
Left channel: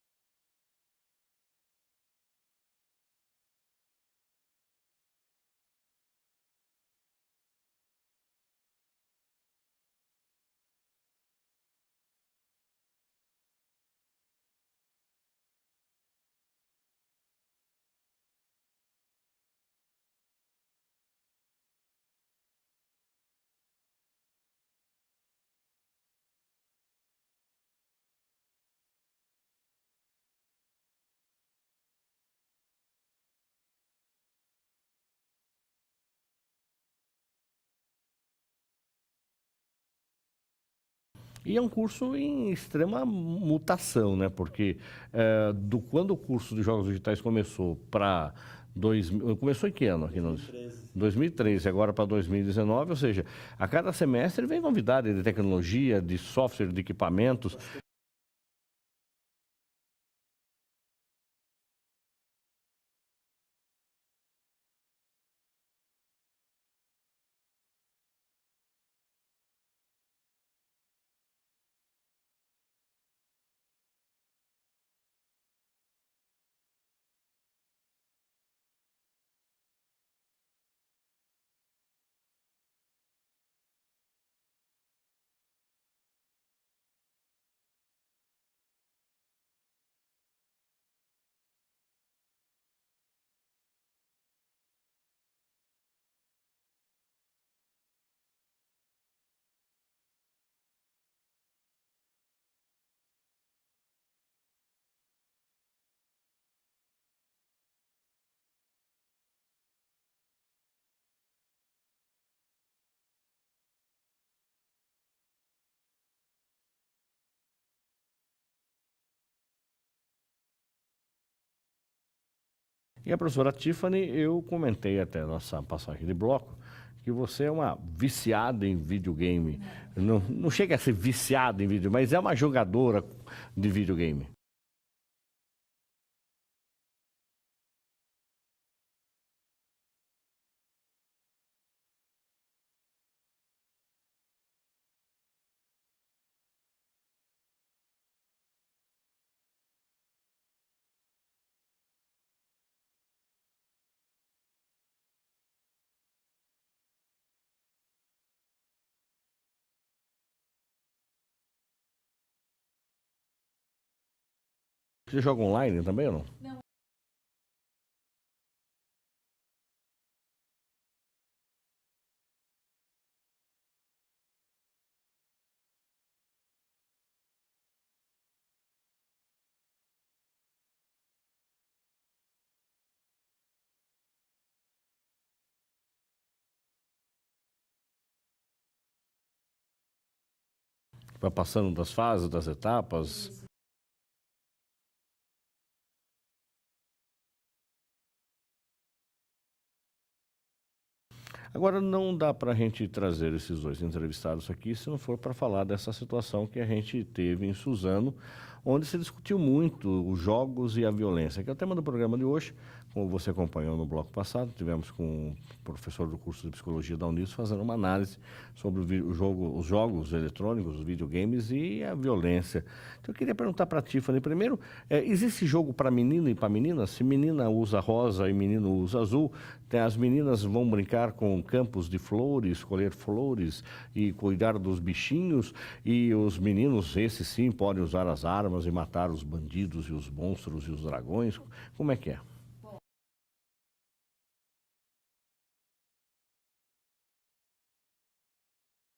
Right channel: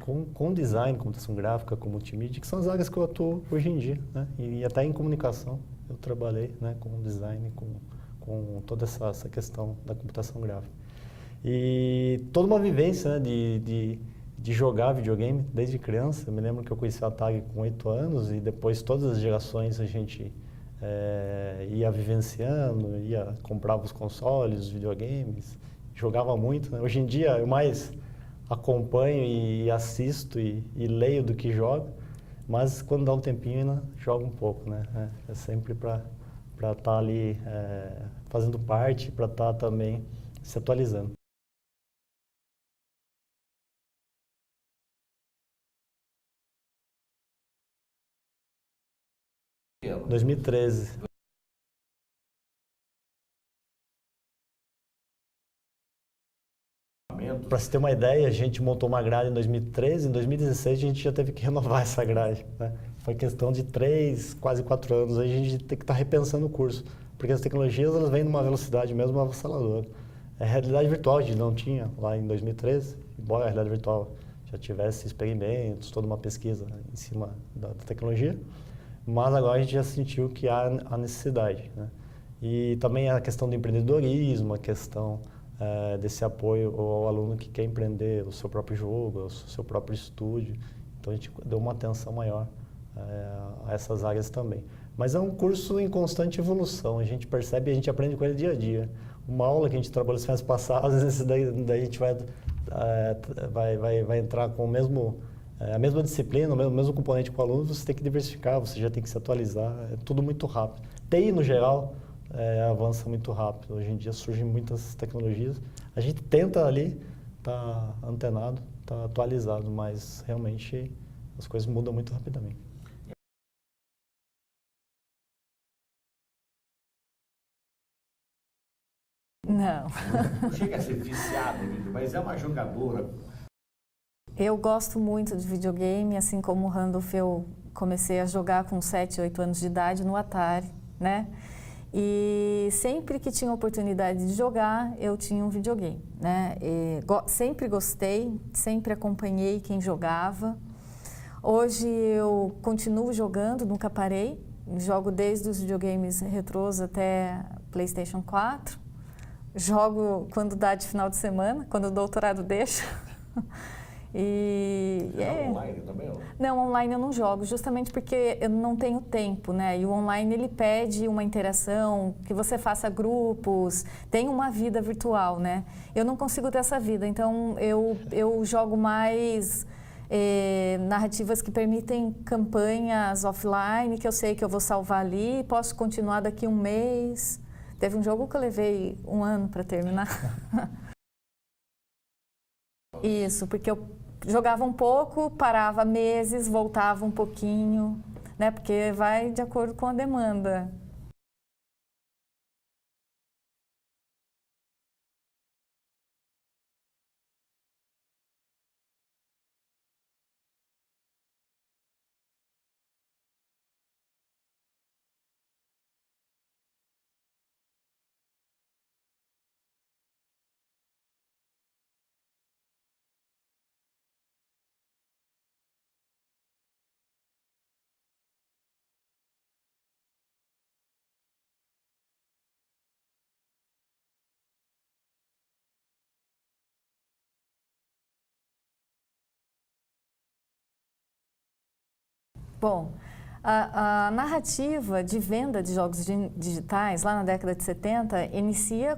com design, computação gráfica, com multimídia, que são as áreas que eu atuo hoje em dia, né? E até em comunicação eu trabalhei, né, com design, com toda essa questão da computação gráfica. E toda uma vivência, né, de jogar videogame desde criança. Eu me lembro que eu conheci a Atari com 8 anos e depois todas as gerações a gente ia vivenciando, comprava os consoles, os videogames, jogava muito, né? Hoje em dia eu mais acompanho e assisto e leio do que jogo, mas quando dá um tempinho ainda jogo um pouco, né? É sempre para estar ali fazendo parte, para estar também se atualizando. E é um curso em extrema mutação, né? Porque quando o curso de Jogos Digitais começou para Começou em que ano? 2013. 2013, agora para 2019, ou seja, a cada semestre vem novidade de tecnologia, de software, de equipamentos. Para você ter uma ideia, a gente montou uma grade em 2013, em 2016 a gente já teve que renovar essa grade, né? Foi questão de 3, quase 4 anos, aí a gente tem que estar repensando o curso, porque as tecnologias elas vêm numa velocidade mesmo avassaladora. A realidade virtual a gente não tinha lá em 2013, embora a realidade virtual já tivesse experimentos, toda uma pesquisa em cima da tecnologia, mas agora a gente já sentiu que há a necessidade, né? E também a questão do empreendedorismo, a questão desse apoio ao aluno que quer empreender o seu próprio jogo, o seu próprio estúdio. Então a gente deu uma atenção maior a essas áreas também. Mas é um curso em constante evolução, a gente percebe e a gente aprende com ele dia a dia. Uma aula que a gente trabalhou as semanas passadas, às vezes daí a gente vai entrar com a mesma disciplina, o mesmo componente com o aluno, você tem que diversificar, você já tem que se atualizar, é tudo muito rápido. TI, no geral, avança muito rápido. Hoje em dia surgem muitas tecnologias. A gente tenta ali estar antenado, estar atualizado, mas realmente as coisas mudam muito rapidamente. E a professora Tiffany, eu comentei até a nossa passagem de bloco, que você é uma viciada em videogame. Não chega a ser viciada em videogame, mas é uma jogadora de videogame. Eu gosto muito de videogame, assim como o Randolph, eu comecei a jogar com 7, 8 anos de idade no Atari, né? E sempre que tinha oportunidade de jogar, eu tinha um videogame, né? Sempre gostei, sempre acompanhei quem jogava. Hoje eu continuo jogando, nunca parei. Jogo desde os videogames retrôs até PlayStation 4. Jogo quando dá de final de semana, quando o doutorado deixa. Você joga online também ou não? Não, online eu não jogo, justamente porque eu não tenho tempo, né? E o online ele pede uma interação, que você faça grupos, tem uma vida virtual, né? Eu não consigo ter essa vida, então eu jogo mais narrativas que permitem campanhas offline, que eu sei que eu vou salvar ali, posso continuar daqui um mês. Teve um jogo que eu levei 1 ano para terminar. Vai passando das fases, das etapas? Isso, porque eu jogava um pouco, parava meses, voltava um pouquinho, né? Porque vai de acordo com a demanda. Agora, não dá para a gente trazer esses dois entrevistados aqui se não for para falar dessa situação que a gente teve em Suzano, onde se discutiu muito os jogos e a violência, que é o tema do programa de hoje. Como você acompanhou no bloco passado, tivemos com o professor do curso de Psicologia da Unisp fazendo uma análise sobre os jogos eletrônicos, os videogames e a violência. Então, eu queria perguntar para a Tiffany, primeiro, existe jogo para menino e para menina? Se menina usa rosa e menino usa azul, as meninas vão brincar com campos de flores, escolher flores e cuidar dos bichinhos, e os meninos, esses sim, podem usar as armas e matar os bandidos e os monstros e os dragões. Como é que é? Bom, a narrativa de venda de jogos digitais, lá na década de 70, inicia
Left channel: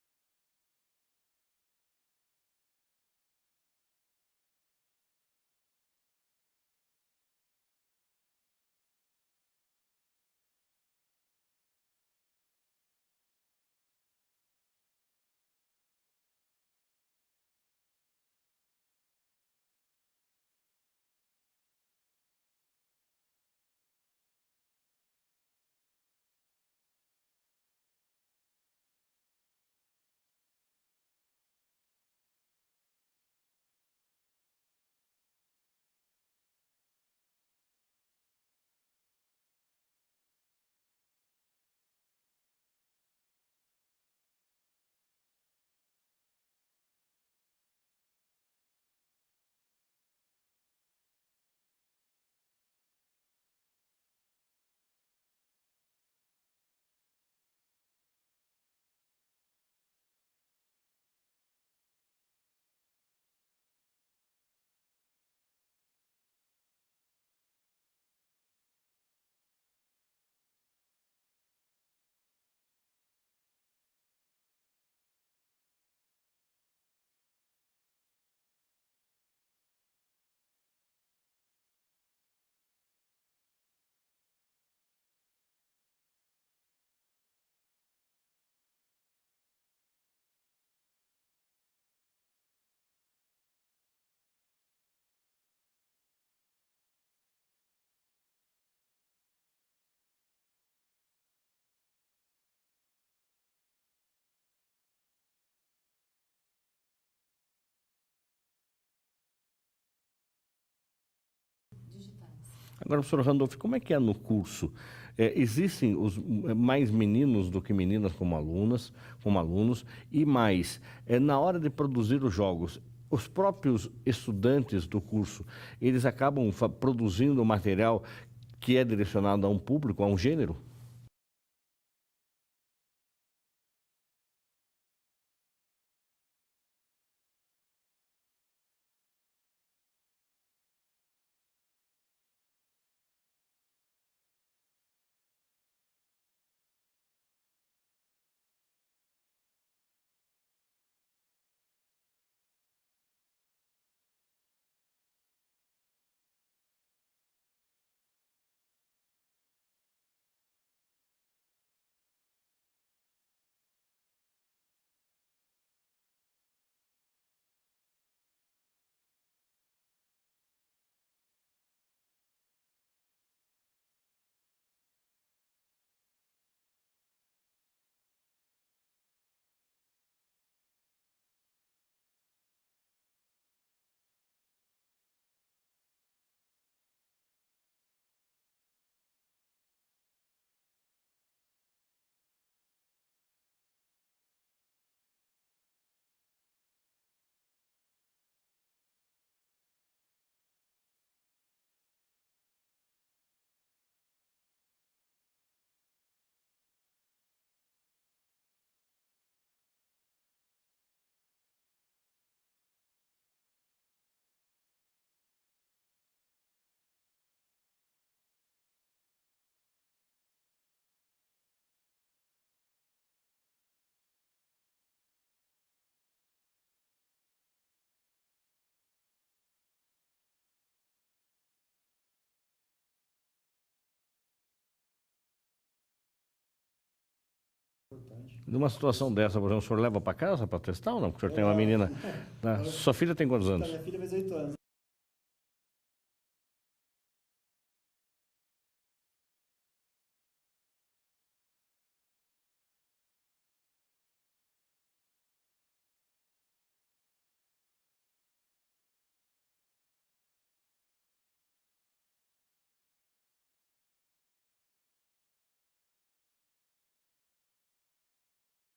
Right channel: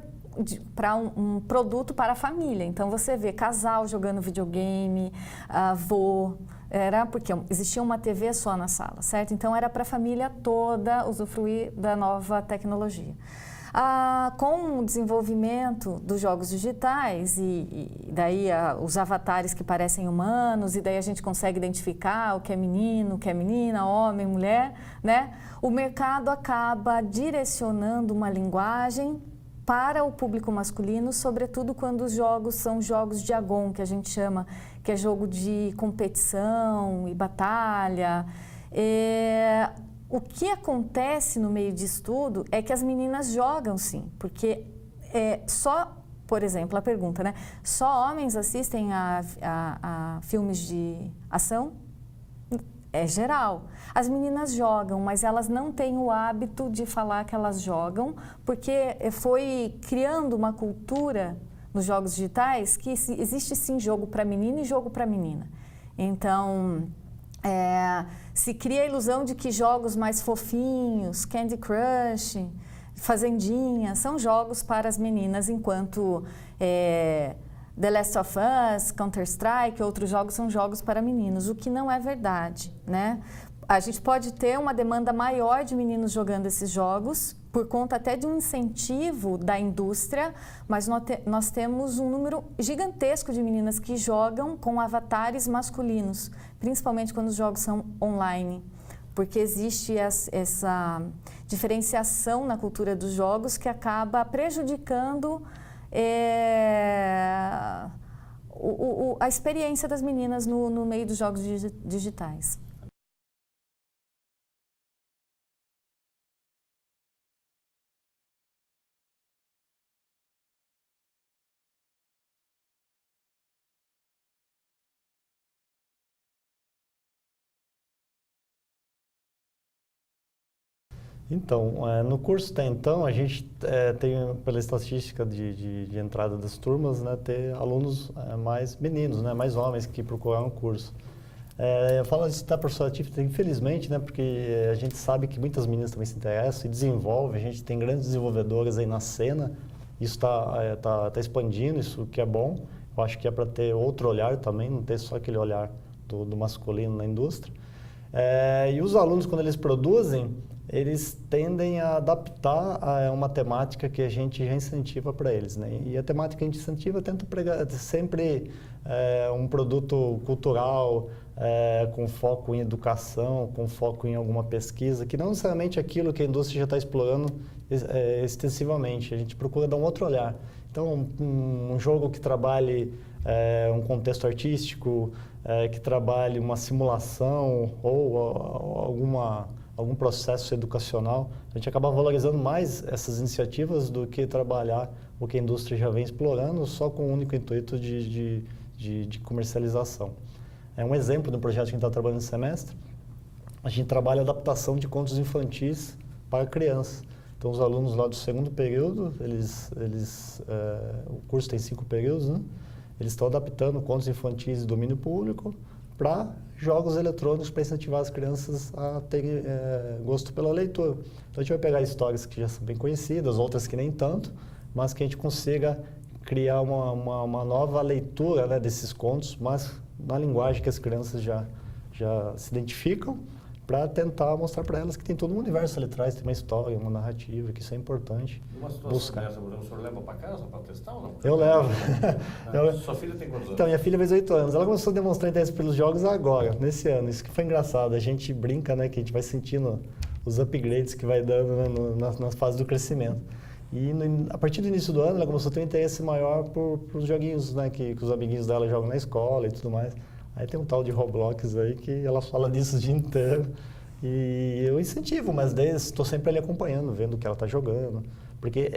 para um produto para a família. Então, você vê casal jogando videogame, avô, era porque existia uma TV só na sala, certo? Então, era para a família toda usufruir da nova tecnologia. Com o desenvolvimento dos jogos digitais e daí os avatares que parecem humanos, e daí a gente consegue identificar o que é menino, o que é menina, homem, mulher, né? O mercado acaba direcionando uma linguagem para o público masculino, sobretudo quando os jogos são jogos de agon, que a gente chama, que é jogo de competição e batalha. O que acontece no meio disso tudo é que as meninas jogam sim, porque por exemplo, a pergunta, né? Só homens assistem a filmes de ação? É geral. As meninas jogam, mas elas não têm o hábito de falar que elas jogam, porque foi criando uma cultura nos jogos digitais que existe sim jogo para menino e jogo para menina. Então, se cria a ilusão de que jogos mais fofinhos, Candy Crush, Fazendinha, são jogos para as meninas, enquanto The Last of Us, Counter-Strike, outros jogos são jogos para meninos, o que não é verdade, né? A gente pode ter uma demanda maior de meninos jogando esses jogos, por conta até de um incentivo da indústria, mas nós temos um número gigantesco de meninas que jogam com avatares masculinos, principalmente quando os jogos são online. porque existe essa diferenciação na cultura dos jogos que acaba prejudicando a experiência das meninas no meio dos jogos digitais. Agora, professor Randolph, como é que é no curso? Existem mais meninos do que meninas como alunos, e mais, na hora de produzir os jogos, os próprios estudantes do curso, eles acabam produzindo material que é direcionado a um público, a um gênero? Então, no curso até então, a gente tem, pela estatística de entrada das turmas, né, ter alunos mais meninos, né, mais homens que procuram o curso. Eu falo isso da professora Tiffany, infelizmente, né, porque a gente sabe que muitas meninas também se interessam e desenvolvem, a gente tem grandes desenvolvedoras aí na cena, isso tá expandindo, isso que é bom. Eu acho que é para ter outro olhar também, não ter só aquele olhar do masculino na indústria. E os alunos, quando eles produzem, eles tendem a adaptar a uma temática que a gente já incentiva para eles, né? E a temática que a gente incentiva tenta pregar sempre um produto cultural, com foco em educação, com foco em alguma pesquisa, que não necessariamente aquilo que a indústria já está explorando extensivamente. A gente procura dar um outro olhar. Então, um jogo que trabalhe um contexto artístico, que trabalhe uma simulação ou algum processo educacional, a gente acaba valorizando mais essas iniciativas do que trabalhar o que a indústria já vem explorando só com o único intuito de comercialização. Um exemplo do projeto que a gente está trabalhando no semestre, a gente trabalha a adaptação de contos infantis para crianças. Então, os alunos lá do segundo período, o curso tem 5 períodos, né? Eles estão adaptando contos infantis de domínio público para jogos eletrônicos para incentivar as crianças a terem gosto pela leitura. Então, a gente vai pegar histórias que já são bem conhecidas, outras que nem tanto, mas que a gente consiga criar uma nova leitura, né, desses contos, mas na linguagem que as crianças já se identificam, para tentar mostrar para elas que tem todo um universo ali atrás, tem uma história, uma narrativa, que isso é importante. Numa situação dessa, por exemplo, o senhor leva para casa para testar ou não? Porque eu tem levo. uma menina. Sua filha tem quantos anos? Então, minha filha fez 8 anos. Ela começou a demonstrar interesse pelos jogos agora, nesse ano. Isso que foi engraçado. A gente brinca, né, que a gente vai sentindo os upgrades que vai dando, né, nas fases do crescimento. E a partir do início do ano, ela começou a ter um interesse maior por os joguinhos, né, que os amiguinhos dela jogam na escola e tudo mais. Aí tem um tal de Roblox aí que ela fala disso o dia inteiro. E eu incentivo, mas daí estou sempre ali acompanhando, vendo o que ela está jogando. Porque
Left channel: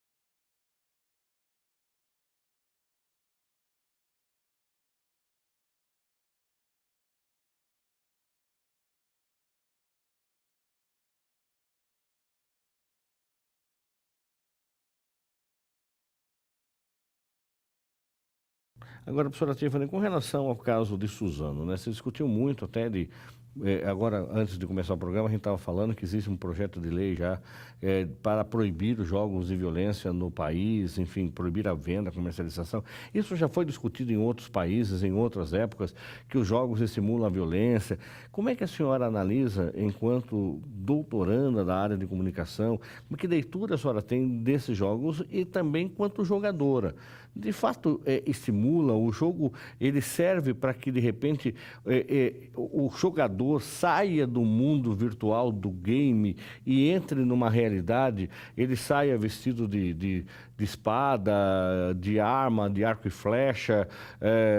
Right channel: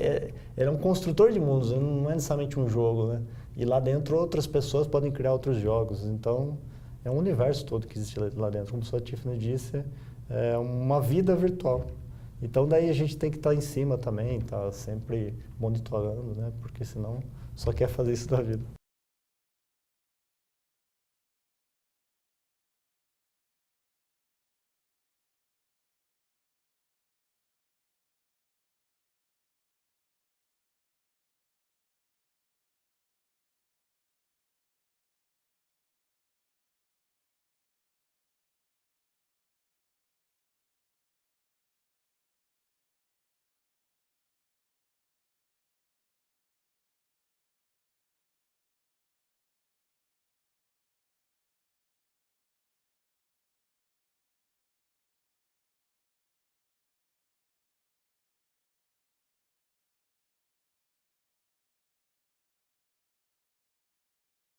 ela é um construtor de mundos, não é necessariamente um jogo, né? E lá dentro outras pessoas podem criar outros jogos. Então, é um universo todo que existe lá dentro. Como a sua Tiffany disse, é uma vida virtual. Então, daí a gente tem que estar em cima também, estar sempre monitorando, né? Porque senão só quer fazer isso da vida. Agora, professora Tiffany, com relação ao caso de Suzano, né? Você discutiu muito até de... Agora, antes de começar o programa, a gente estava falando que existe um projeto de lei já para proibir os jogos de violência no país, enfim, proibir a venda, a comercialização. Isso já foi discutido em outros países, em outras épocas, que os jogos estimulam a violência. Como é que a senhora analisa, enquanto doutoranda da área de comunicação, que leitura a senhora tem desses jogos e também quanto jogadora? De fato, estimula o jogo, ele serve para que, de repente, o jogador saia do mundo virtual do game e entre numa realidade, ele saia vestido de espada, de arma, de arco e flecha,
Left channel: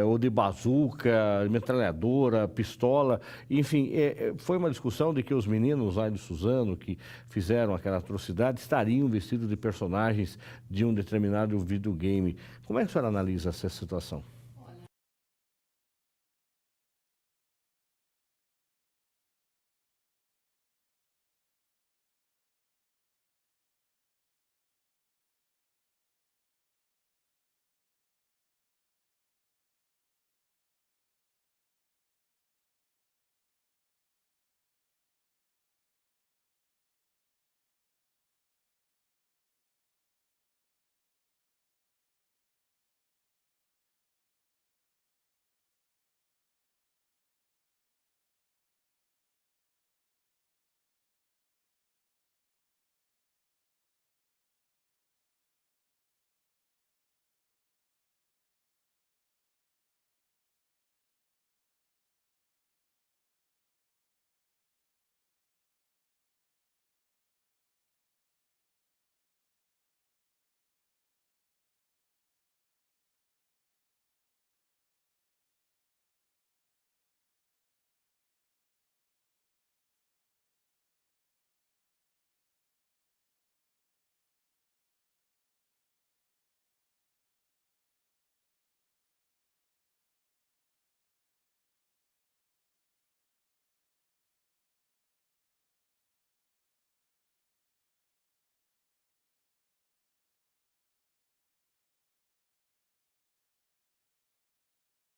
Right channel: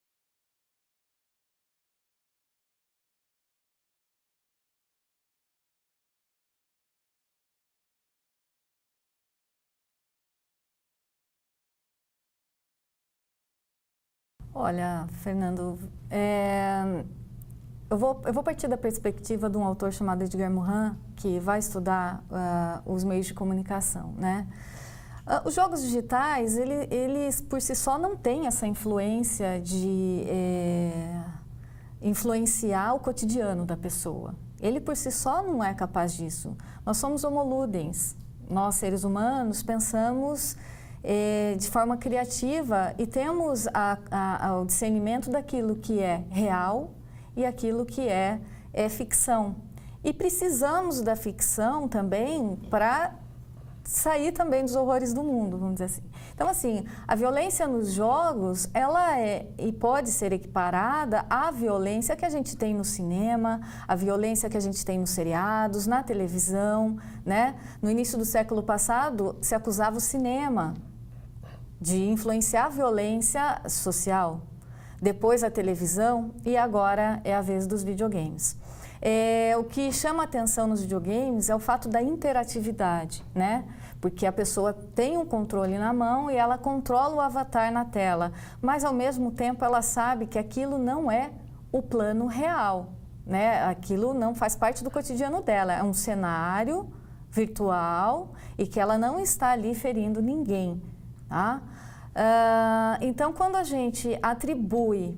ou de bazuca, metralhadora, pistola, enfim, foi uma discussão de que os meninos lá de Suzano, que fizeram aquela atrocidade, estariam vestidos de personagens de um determinado videogame. Como é que a senhora analisa essa situação? Olha, Fernando, eu vou partir da perspectiva de um autor chamado Edgar Morin, que vai estudar os meios de comunicação, né? Os jogos digitais, eles por si só não têm essa influência de influenciar o cotidiano da pessoa. Ele por si só não é capaz disso. Nós somos homo ludens. Nós, seres humanos, pensamos de forma criativa e temos o discernimento daquilo que é real e aquilo que é ficção. E precisamos da ficção também para sair também dos horrores do mundo, vamos dizer assim. Então, assim, a violência nos jogos, ela é e pode ser equiparada à violência que a gente tem no cinema, à violência que a gente tem nos seriados, na televisão, né? No início do século passado, se acusava o cinema de influenciar a violência social. Depois a televisão e agora é a vez dos videogames. O que chama atenção nos videogames é o fato da interatividade, né? Porque a pessoa tem um controle na mão e ela controla o avatar na tela, mas ao mesmo tempo ela sabe que aquilo não é o plano real, né? Aquilo não faz parte do cotidiano dela, é um cenário virtual e que ela não está ali ferindo ninguém, tá? Então, quando a gente atribui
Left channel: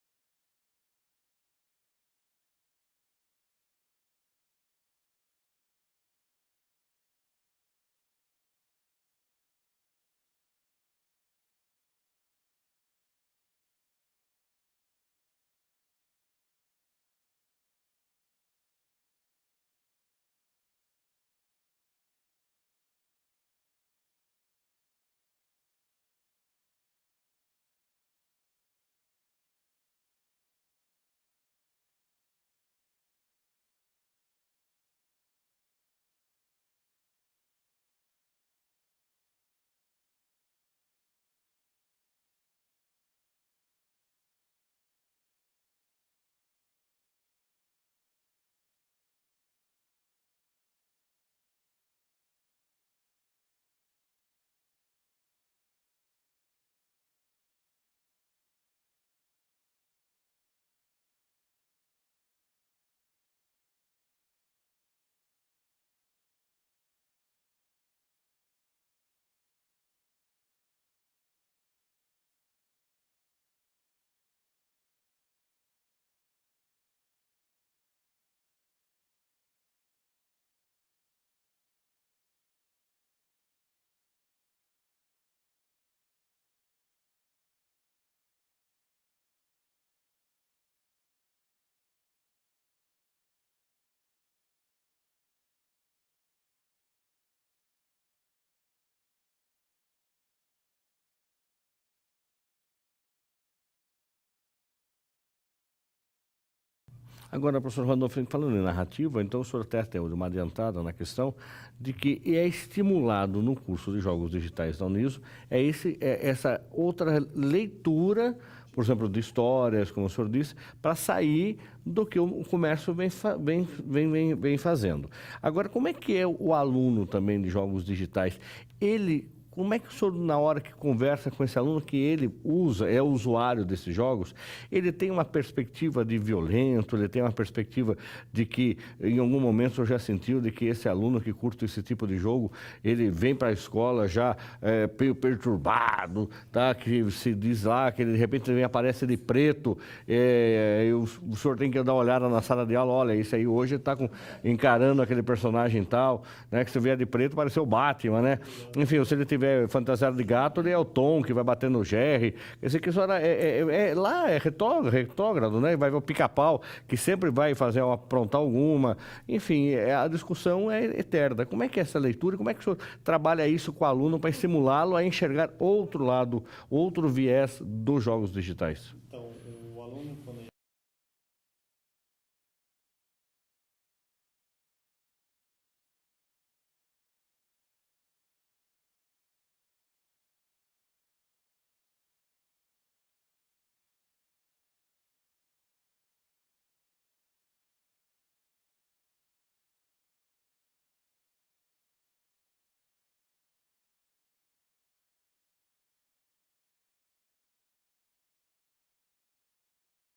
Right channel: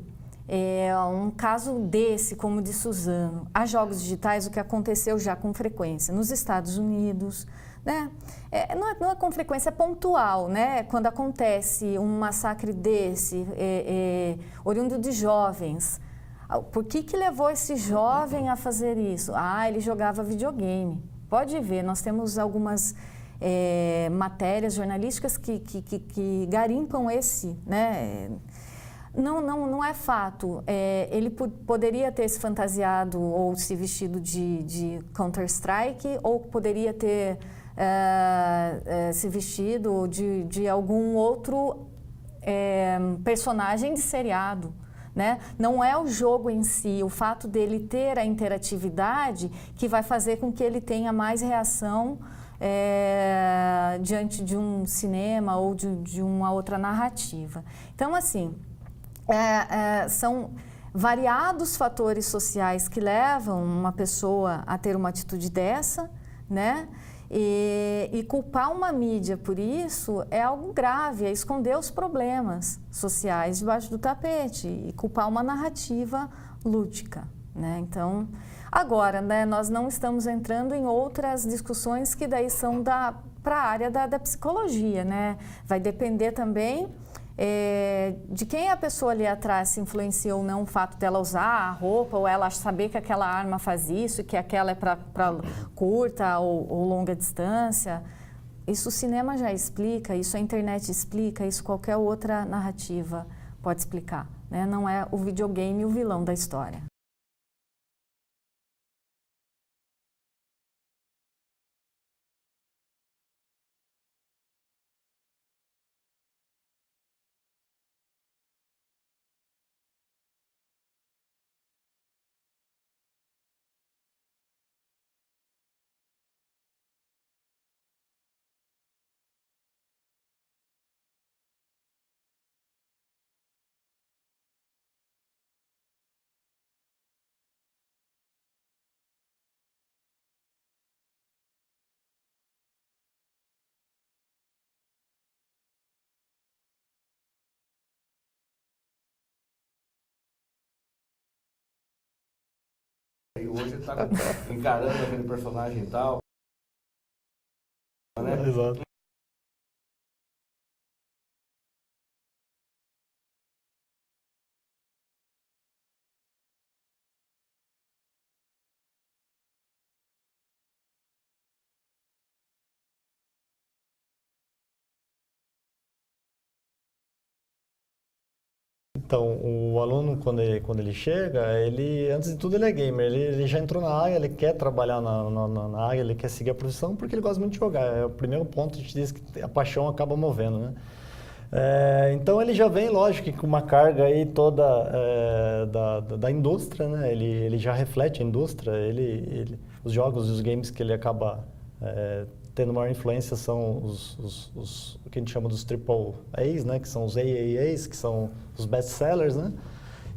um caso desse, como de Suzano, a jogos digitais, o que aconteceu já com frequência nos Estados Unidos, né? Não é com frequência, é pontual, né? Quando acontece um massacre desse, oriundo de jovens, por que levou esse jovem a fazer isso? Ele jogava videogame. Pode ver, nós temos algumas matérias jornalísticas que garimpam esse, né? Não é fato. Ele poderia ter se fantasiado ou se vestido de Counter-Strike ou poderia ter se vestido de algum outro personagem de seriado, né? Não é o jogo em si, o fato dele ter a interatividade que vai fazer com que ele tenha mais reação diante de um cinema ou de uma outra narrativa. Então, assim, são variados fatores sociais que levam uma pessoa a ter uma atitude dessa, né? E culpar uma mídia por isso é algo grave, é esconder os problemas sociais debaixo do tapete e culpar uma narrativa lúdica, né? Então, agora, né, nós não estamos entrando em outras discussões que daí são para a área da psicologia, né? Vai depender também de quem a pessoa ali atrás se influencia ou não o fato dela usar a roupa ou ela saber que aquela arma faz isso, que aquela é para curta ou longa distância. Isso o cinema já explica, isso a internet explica, isso qualquer outra narrativa pode explicar, né? Não é o videogame o vilão da história. Agora, professor Randolph, falando em narrativa, então o senhor até tem uma adiantada na questão de que é estimulado no curso de jogos digitais da Uniso essa outra leitura, por exemplo, de histórias, como o senhor disse, para sair do que o comércio vem fazendo. Agora, como é que é o aluno também de jogos digitais? Como é que o senhor, na hora que conversa com esse aluno, que ele é usuário desses jogos, ele tem uma perspectiva de violento, ele tem uma perspectiva de que, em algum momento, o senhor já sentiu de que esse aluno que curte esse tipo de jogo, ele vem para a escola já meio perturbado, tá? Que se diz lá que ele, de repente, aparece de preto, e o senhor tem que dar uma olhada na sala de aula, olha, isso aí hoje está encarando aquele personagem tal, né? Que se vier de preto, pareceu o Batman, né? Enfim, se ele tiver fantasiado de gato, ele é o Tom que vai bater no Jerry. Esse aqui só lá é retrógrado, né? Vai ver o Pica-Pau, que sempre vai aprontar alguma. Enfim, a discussão é eterna. Como é que é essa leitura? Como é que o senhor trabalha isso com o aluno para estimulá-lo a enxergar outro lado, outro viés dos jogos digitais? Então, o aluno, quando ele chega, antes de tudo, ele é gamer. Ele já entrou na área, ele quer trabalhar na área, ele quer seguir a profissão porque ele gosta muito de jogar. É o primeiro ponto, a gente diz que a paixão acaba movendo, né? Então ele já vem, lógico, com uma carga aí toda da indústria, né? Ele já reflete a indústria, os jogos e os games que ele acaba tendo maior influência são o que a gente chama dos triple A's, né? Que são os AAAs, que são os best-sellers, né?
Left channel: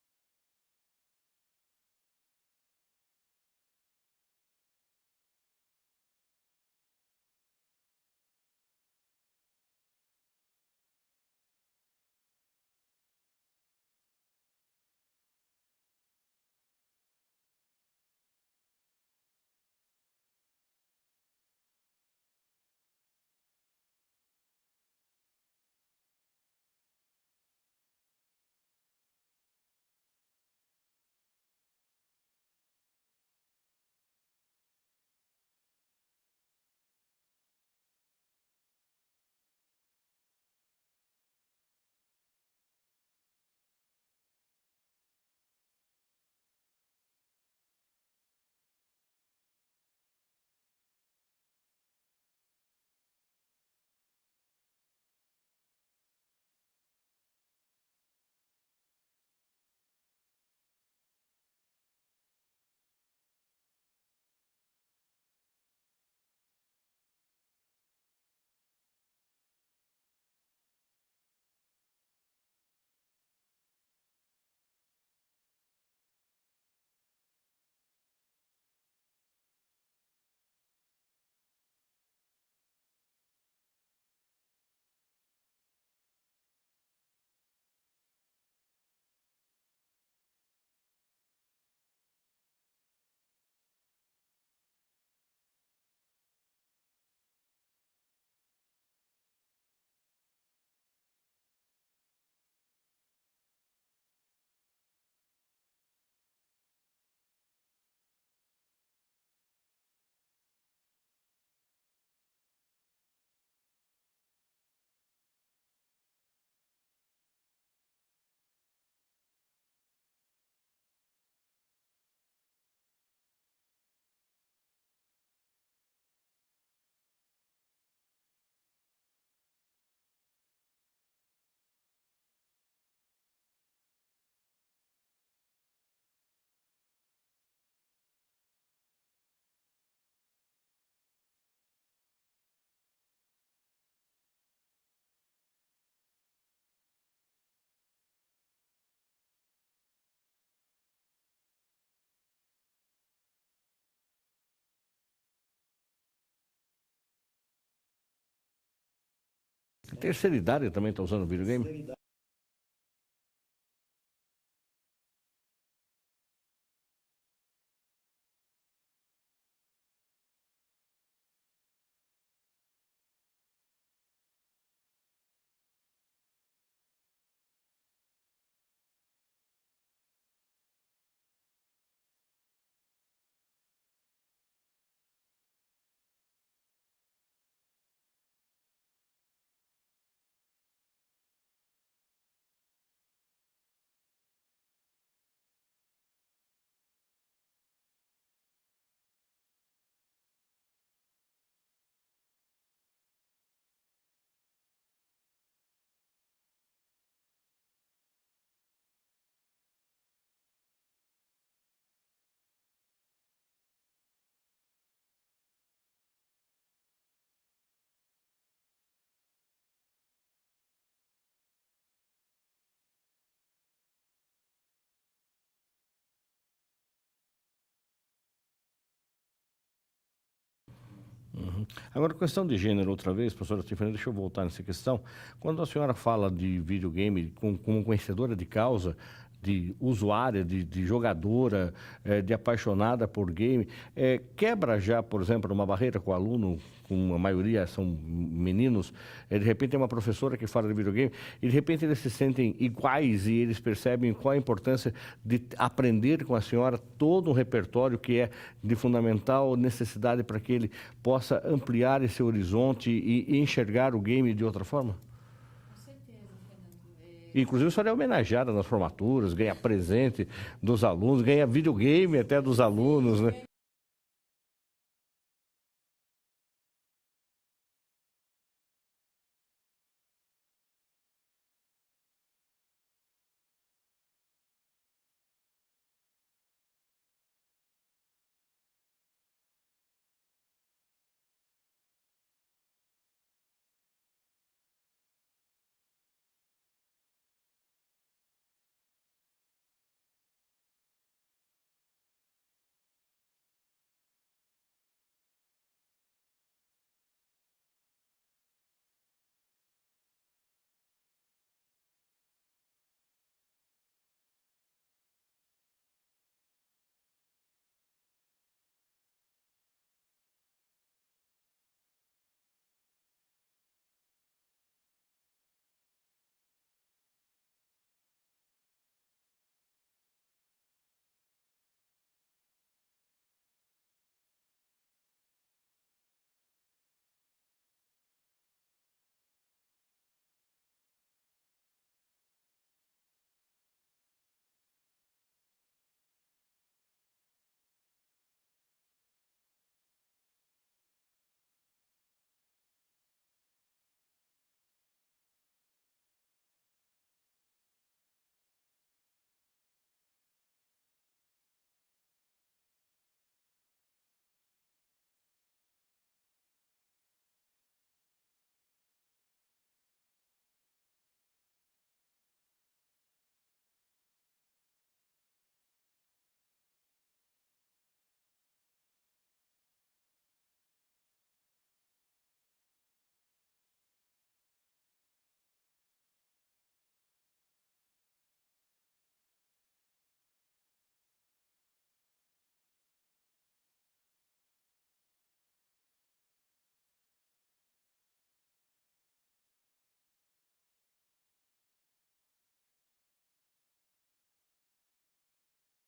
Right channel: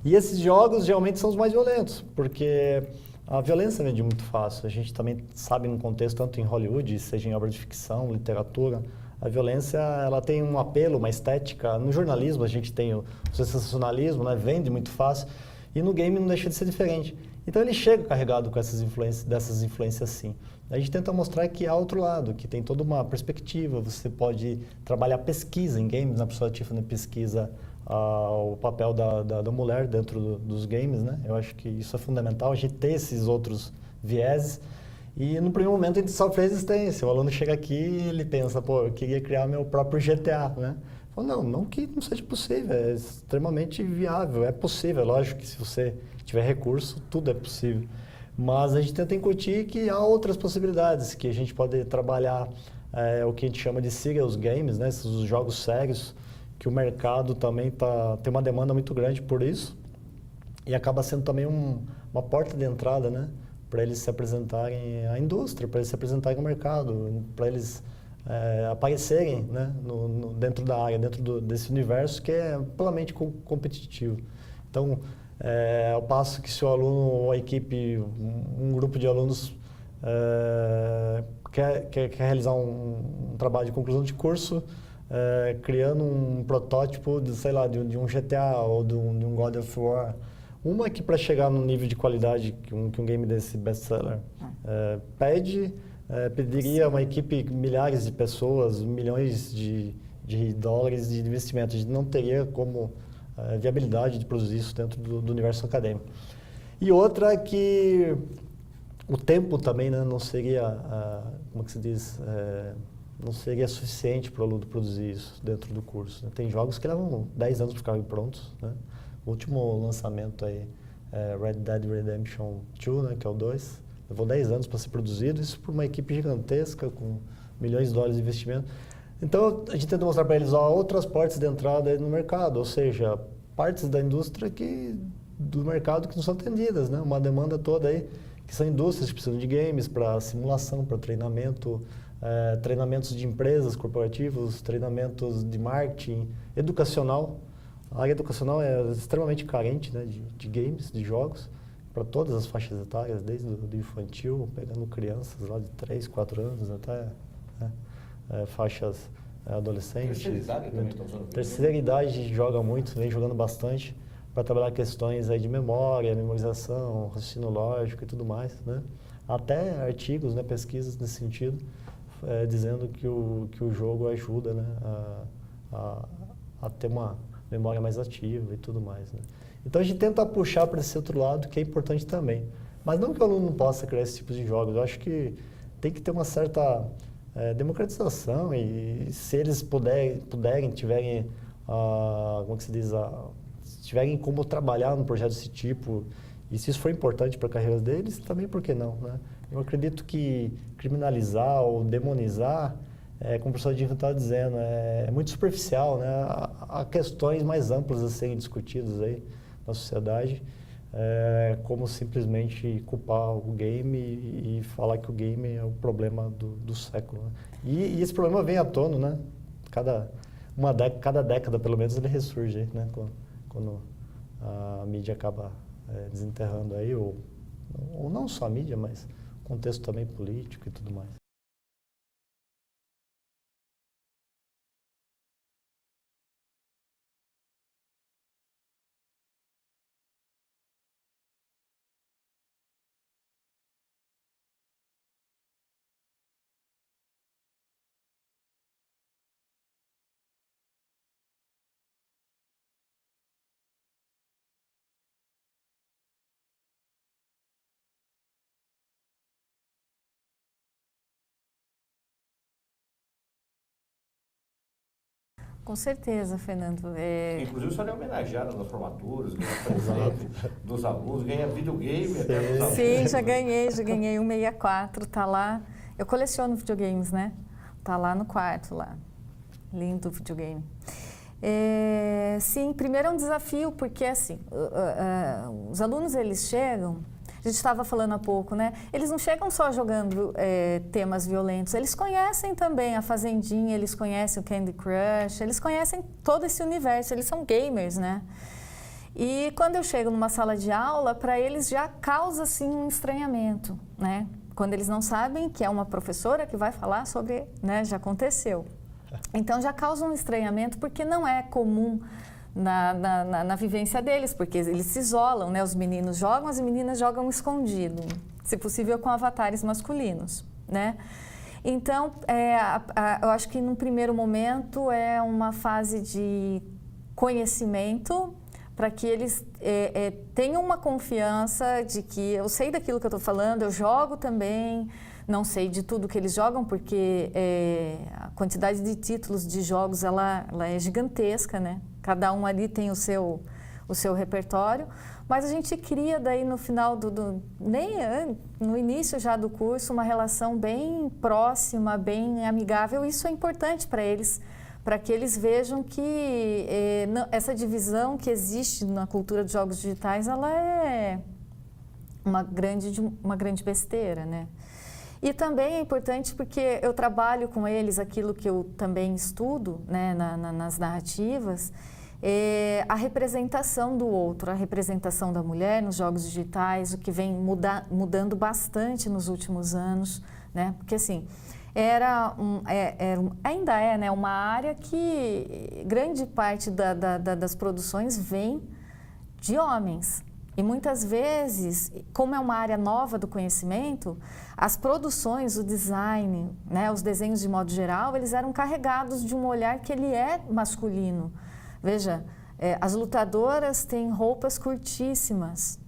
E esses jogos geralmente são os mais violentos, porque a violência vem de muito fácil. A gente também sabe no contexto, tanto em Hollywood, seja em obras de ficção, literatura, a violência ela tem um apelo, uma estética. No jornalismo a gente tem o sensacionalismo, né? Vende muito fácil, e no game não deixa de ser diferente. Então ele chega carregado com dessas influências sim. A gente tenta mostrar que há outro lado, que tem toda uma perspectiva. Você pode trabalhar pesquisa em games, na pessoa Tiffany pesquisa o papel da mulher dentro dos games, né? Eu acho que isso é fundamental, a gente ter esses outros vieses. E no primeiro momento a gente sofre resistência. O aluno chega aqui e ele pensa, pô, eu queria criar meu próprio GTA, né? Falou, não que não seja possível, é extremamente viável, é possível, lógico que se você tiver recurso, tudo é possível. Mas a gente tenta incutir que há outras possibilidades, que a gente pode trabalhar o que a gente chama de serious games, né, esses jogos sérios, que o mercado também tem uma demanda muito grande por isso, e acaba sendo também uma porta de entrada, né, para eles se apresentarem à indústria, para eles se apresentarem ao mercado, para eles aparecerem, né, dentro da área, dentro desse universo que é amplamente competitivo. Então, ao passo que se o aluno ou a equipe, um grupo de alunos quer realizar um trabalho de conclusão de curso, criando um protótipo de, sei lá, de um GTA ou de um God of War, uma que para chegar no nível de qualidade que um game desse best-seller pediria uma equipe, milhares de pessoas, milhões de dólares de investimento. A gente não teria como viabilidade de produzir isso dentro do universo acadêmico. E outra é que o tempo também, né, não seria, como que se diz, não seria suficiente para o aluno produzir isso dentro do curso, né? Tem jogos que levam 10 anos para ficarem prontos, né? O último lançamento aí, Red Dead Redemption 2, né, que é o 2, levou 10 anos para ser produzido, isso por uma equipe gigantesca, com milhões de dólares de investimento. Então, a gente tenta mostrar para eles outras portas de entrada aí no mercado, ou seja, partes da indústria do mercado que não são atendidas, né? Uma demanda toda aí, que são indústrias que precisam de games para simulação, para treinamento, treinamentos de empresas corporativos, treinamentos de marketing, educacional. A área educacional é extremamente carente, né, de games, de jogos, para todas as faixas etárias, desde o infantil, pegando crianças lá de 3, 4 anos até faixas adolescentes. Terceira idade também está usando videogame? Terceira idade joga muito, vem jogando bastante, para trabalhar questões aí de memória, memorização, raciocínio lógico e tudo mais, né? Até artigos, né, pesquisas nesse sentido, dizendo que o jogo ajuda, né, a ter uma memória mais ativa e tudo mais, né? Então a gente tenta puxar para esse outro lado, que é importante também. Mas não que o aluno não possa criar esse tipo de jogos, eu acho que tem que ter uma certa democratização e se eles puderem, tiverem, como que se diz, tiverem como trabalhar num projeto desse tipo, e se isso for importante para a carreira deles, também por que não, né? Eu acredito que criminalizar ou demonizar, como o professor Dinho estava dizendo, é muito superficial, né? Há questões mais amplas a serem discutidas aí na sociedade, como simplesmente culpar o game e falar que o game é o problema do século, né? E esse problema vem à tona, né? Cada década, pelo menos, ele ressurge aí, né? Quando a mídia acaba desenterrando aí, ou não só a mídia, mas contexto também político e tudo mais. Uhum. Agora, questão de gênero, outra vez, professora Tiffany, deixa eu voltar nessa questão. Quando a senhora fala de videogame como conhecedora de causa, de usuária, de jogadora, de apaixonada por game, quebra já, por exemplo, uma barreira com o aluno, com a maioria são meninos, de repente tem uma professora que fala de videogame e de repente eles se sentem iguais e eles percebem qual a importância de aprender com a senhora todo um repertório que é de fundamental necessidade para que ele possa ampliar esse horizonte e enxergar o game de outra forma? Com certeza, Fernando. Inclusive, a senhora é homenageada nas formaturas, ganha presente dos alunos, ganha videogame até dos alunos. Sim, já ganhei um 64, tá lá. Eu coleciono videogames, né? Tá lá no quarto, lá. Lindo videogame. Sim, primeiro é um desafio, porque assim, os alunos, eles chegam, a gente estava falando há pouco, né? Eles não chegam só jogando temas violentos, eles conhecem também a Fazendinha, eles conhecem o Candy Crush, eles conhecem todo esse universo, eles são gamers, né? E quando eu chego numa sala de aula, para eles já causa, assim, um estranhamento, né? Quando eles não sabem que é uma professora que vai falar sobre, né, já aconteceu. Então já causa um estranhamento porque não é comum na vivência deles, porque eles se isolam, né? Os meninos jogam, as meninas jogam escondido, se possível com avatares masculinos, né? Então, eu acho que num primeiro momento é uma fase de conhecimento para que eles tenham uma confiança de que eu sei daquilo que eu estou falando, eu jogo também, Não sei de tudo que eles jogam, porque a quantidade de títulos de jogos ela é gigantesca, né? Cada um ali tem o seu repertório, mas a gente cria daí no final no início já do curso uma relação bem próxima, bem amigável. Isso é importante para eles, para que eles vejam que essa divisão que existe na cultura dos jogos digitais, ela é uma grande besteira, né? E também é importante porque eu trabalho com eles aquilo que eu também estudo, né, nas narrativas, a representação do outro, a representação da mulher nos jogos digitais, o que vem mudando bastante nos últimos anos, né? Porque assim, ainda é, né, uma área que grande parte das produções vem de homens. E muitas vezes, como é uma área nova do conhecimento, as produções, o design, né, os desenhos de modo geral, eles eram carregados de um olhar que ele é masculino. Veja, as lutadoras têm roupas curtíssimas,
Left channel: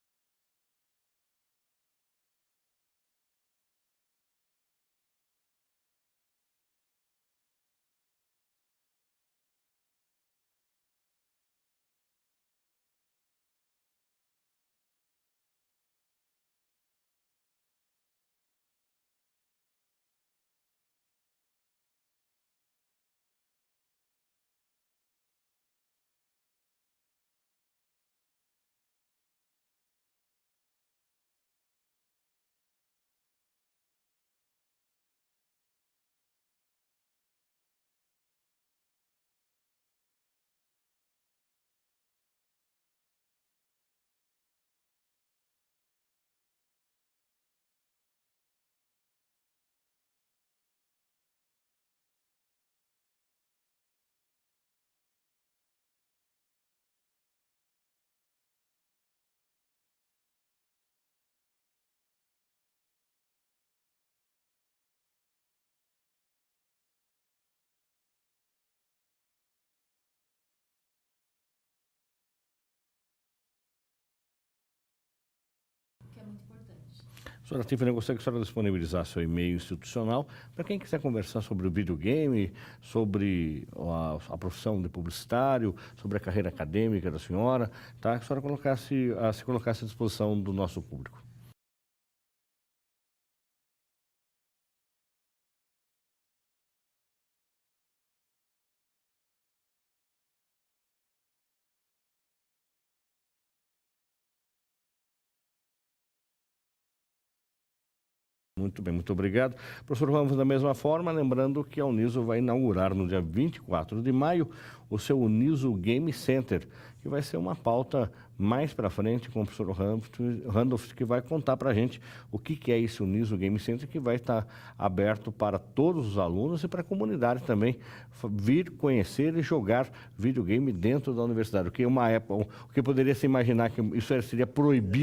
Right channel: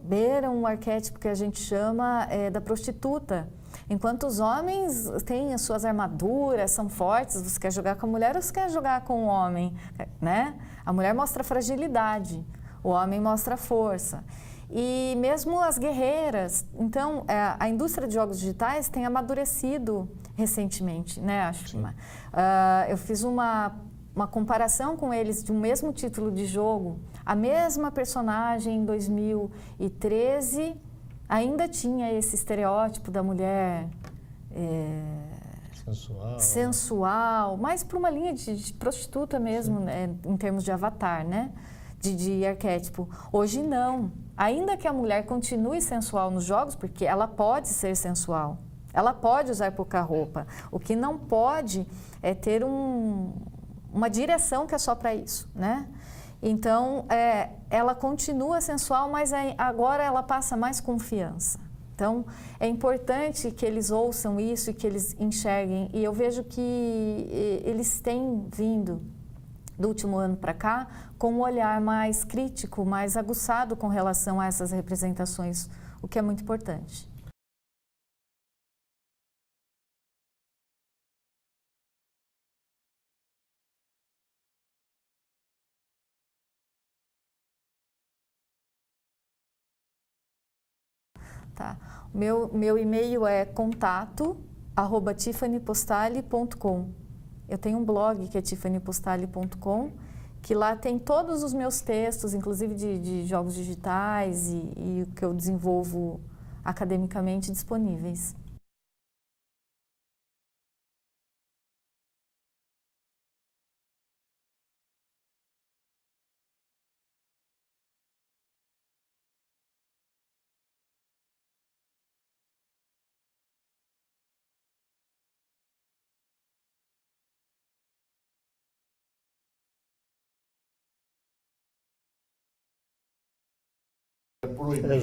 beiram o arquétipo que a gente chama da prostituta. Enquanto os homens têm as suas armaduras, são fortes, você quer jogar com a mulher ou você quer jogar com o homem, né? A mulher mostra fragilidade, o homem mostra força. E mesmo as guerreiras. Então, a indústria de jogos digitais tem amadurecido recentemente, né? Acho. Eu fiz uma comparação com eles de um mesmo título de jogo. A mesma personagem em 2013 ainda tinha esse estereótipo da mulher sensual, mais para uma linha de prostituta mesmo, né, em termos de avatar, né? De arquétipo. Hoje não. Ainda que a mulher continue sensual nos jogos, porque ela pode ser sensual, ela pode usar pouca roupa. O que não pode é ter uma direção que é só para isso, né? Então, ela continua sensual, mas agora ela passa mais confiança. Então, é importante que eles ouçam isso e que eles enxerguem. E eu vejo que eles têm vindo, do último ano para cá, com um olhar mais crítico, mais aguçado com relação a essas representações, o que é muito importante. Senhora Tiffany, eu gostaria que a senhora disponibilizar seu e-mail institucional para quem quiser conversar sobre o videogame, sobre a profissão de publicitário, sobre a carreira acadêmica da senhora, tá? Que a senhora se colocasse à disposição do nosso público. Tá. Meu e-mail é contato@tiffanypostale.com. Eu tenho um blog que é tiffanypostale.com, que lá tem todos os meus textos, inclusive de jogos digitais e o que eu desenvolvo academicamente disponíveis. Muito bem, muito obrigado. Professor Ramos, da mesma forma, lembrando que a Uniso vai inaugurar no dia 24 de maio o seu Uniso Game Center, que vai ser uma pauta mais para frente com o professor Randolph, que vai contar para a gente o que é esse Uniso Game Center, que vai estar aberto para todos os alunos e para a comunidade também vir conhecer e jogar videogame dentro da universidade. O que uma época, o que poderia se imaginar que isso seria proibido,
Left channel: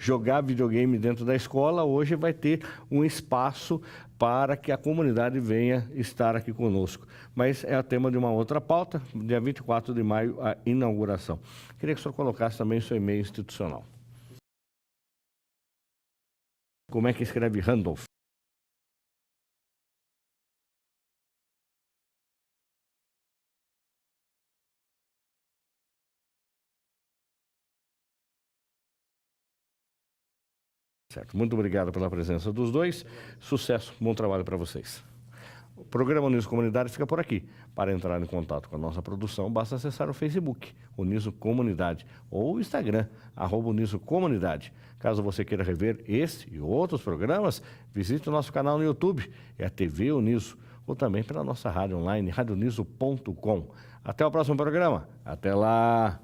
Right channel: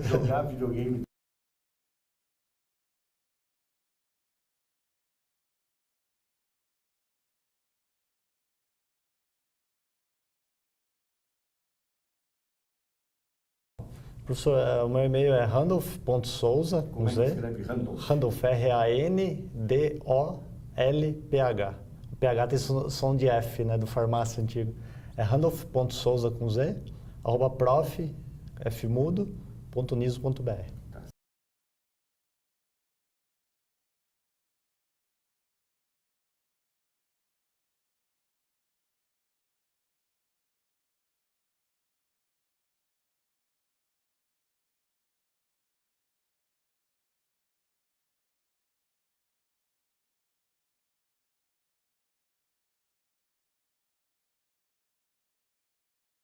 jogar videogame dentro da escola, hoje vai ter um espaço para que a comunidade venha estar aqui conosco. Mas é o tema de uma outra pauta, dia 24 de maio, a inauguração. Queria que o senhor colocasse também o seu e-mail institucional. Professor, o meu e-mail é randolph.souza. Como é que escreve Randolph? Randolph, R-A-N-D-O-L-P-H. O PH tem som de F, né, do farmácia antigo. É randolph.souza com Z, @prof.fmudo.uniso.br. Certo. Muito obrigado pela presença dos dois. Sucesso, bom trabalho para vocês. O programa Uniso Comunidade fica por aqui. Para entrar em contato com a nossa produção, basta acessar o Facebook, Uniso Comunidade, ou o Instagram, @Uniso Comunidade. Caso você queira rever este e outros programas, visite o nosso canal no YouTube, é a TV Uniso, ou também pela nossa rádio online, radioniso.com. Até o próximo programa. Até lá!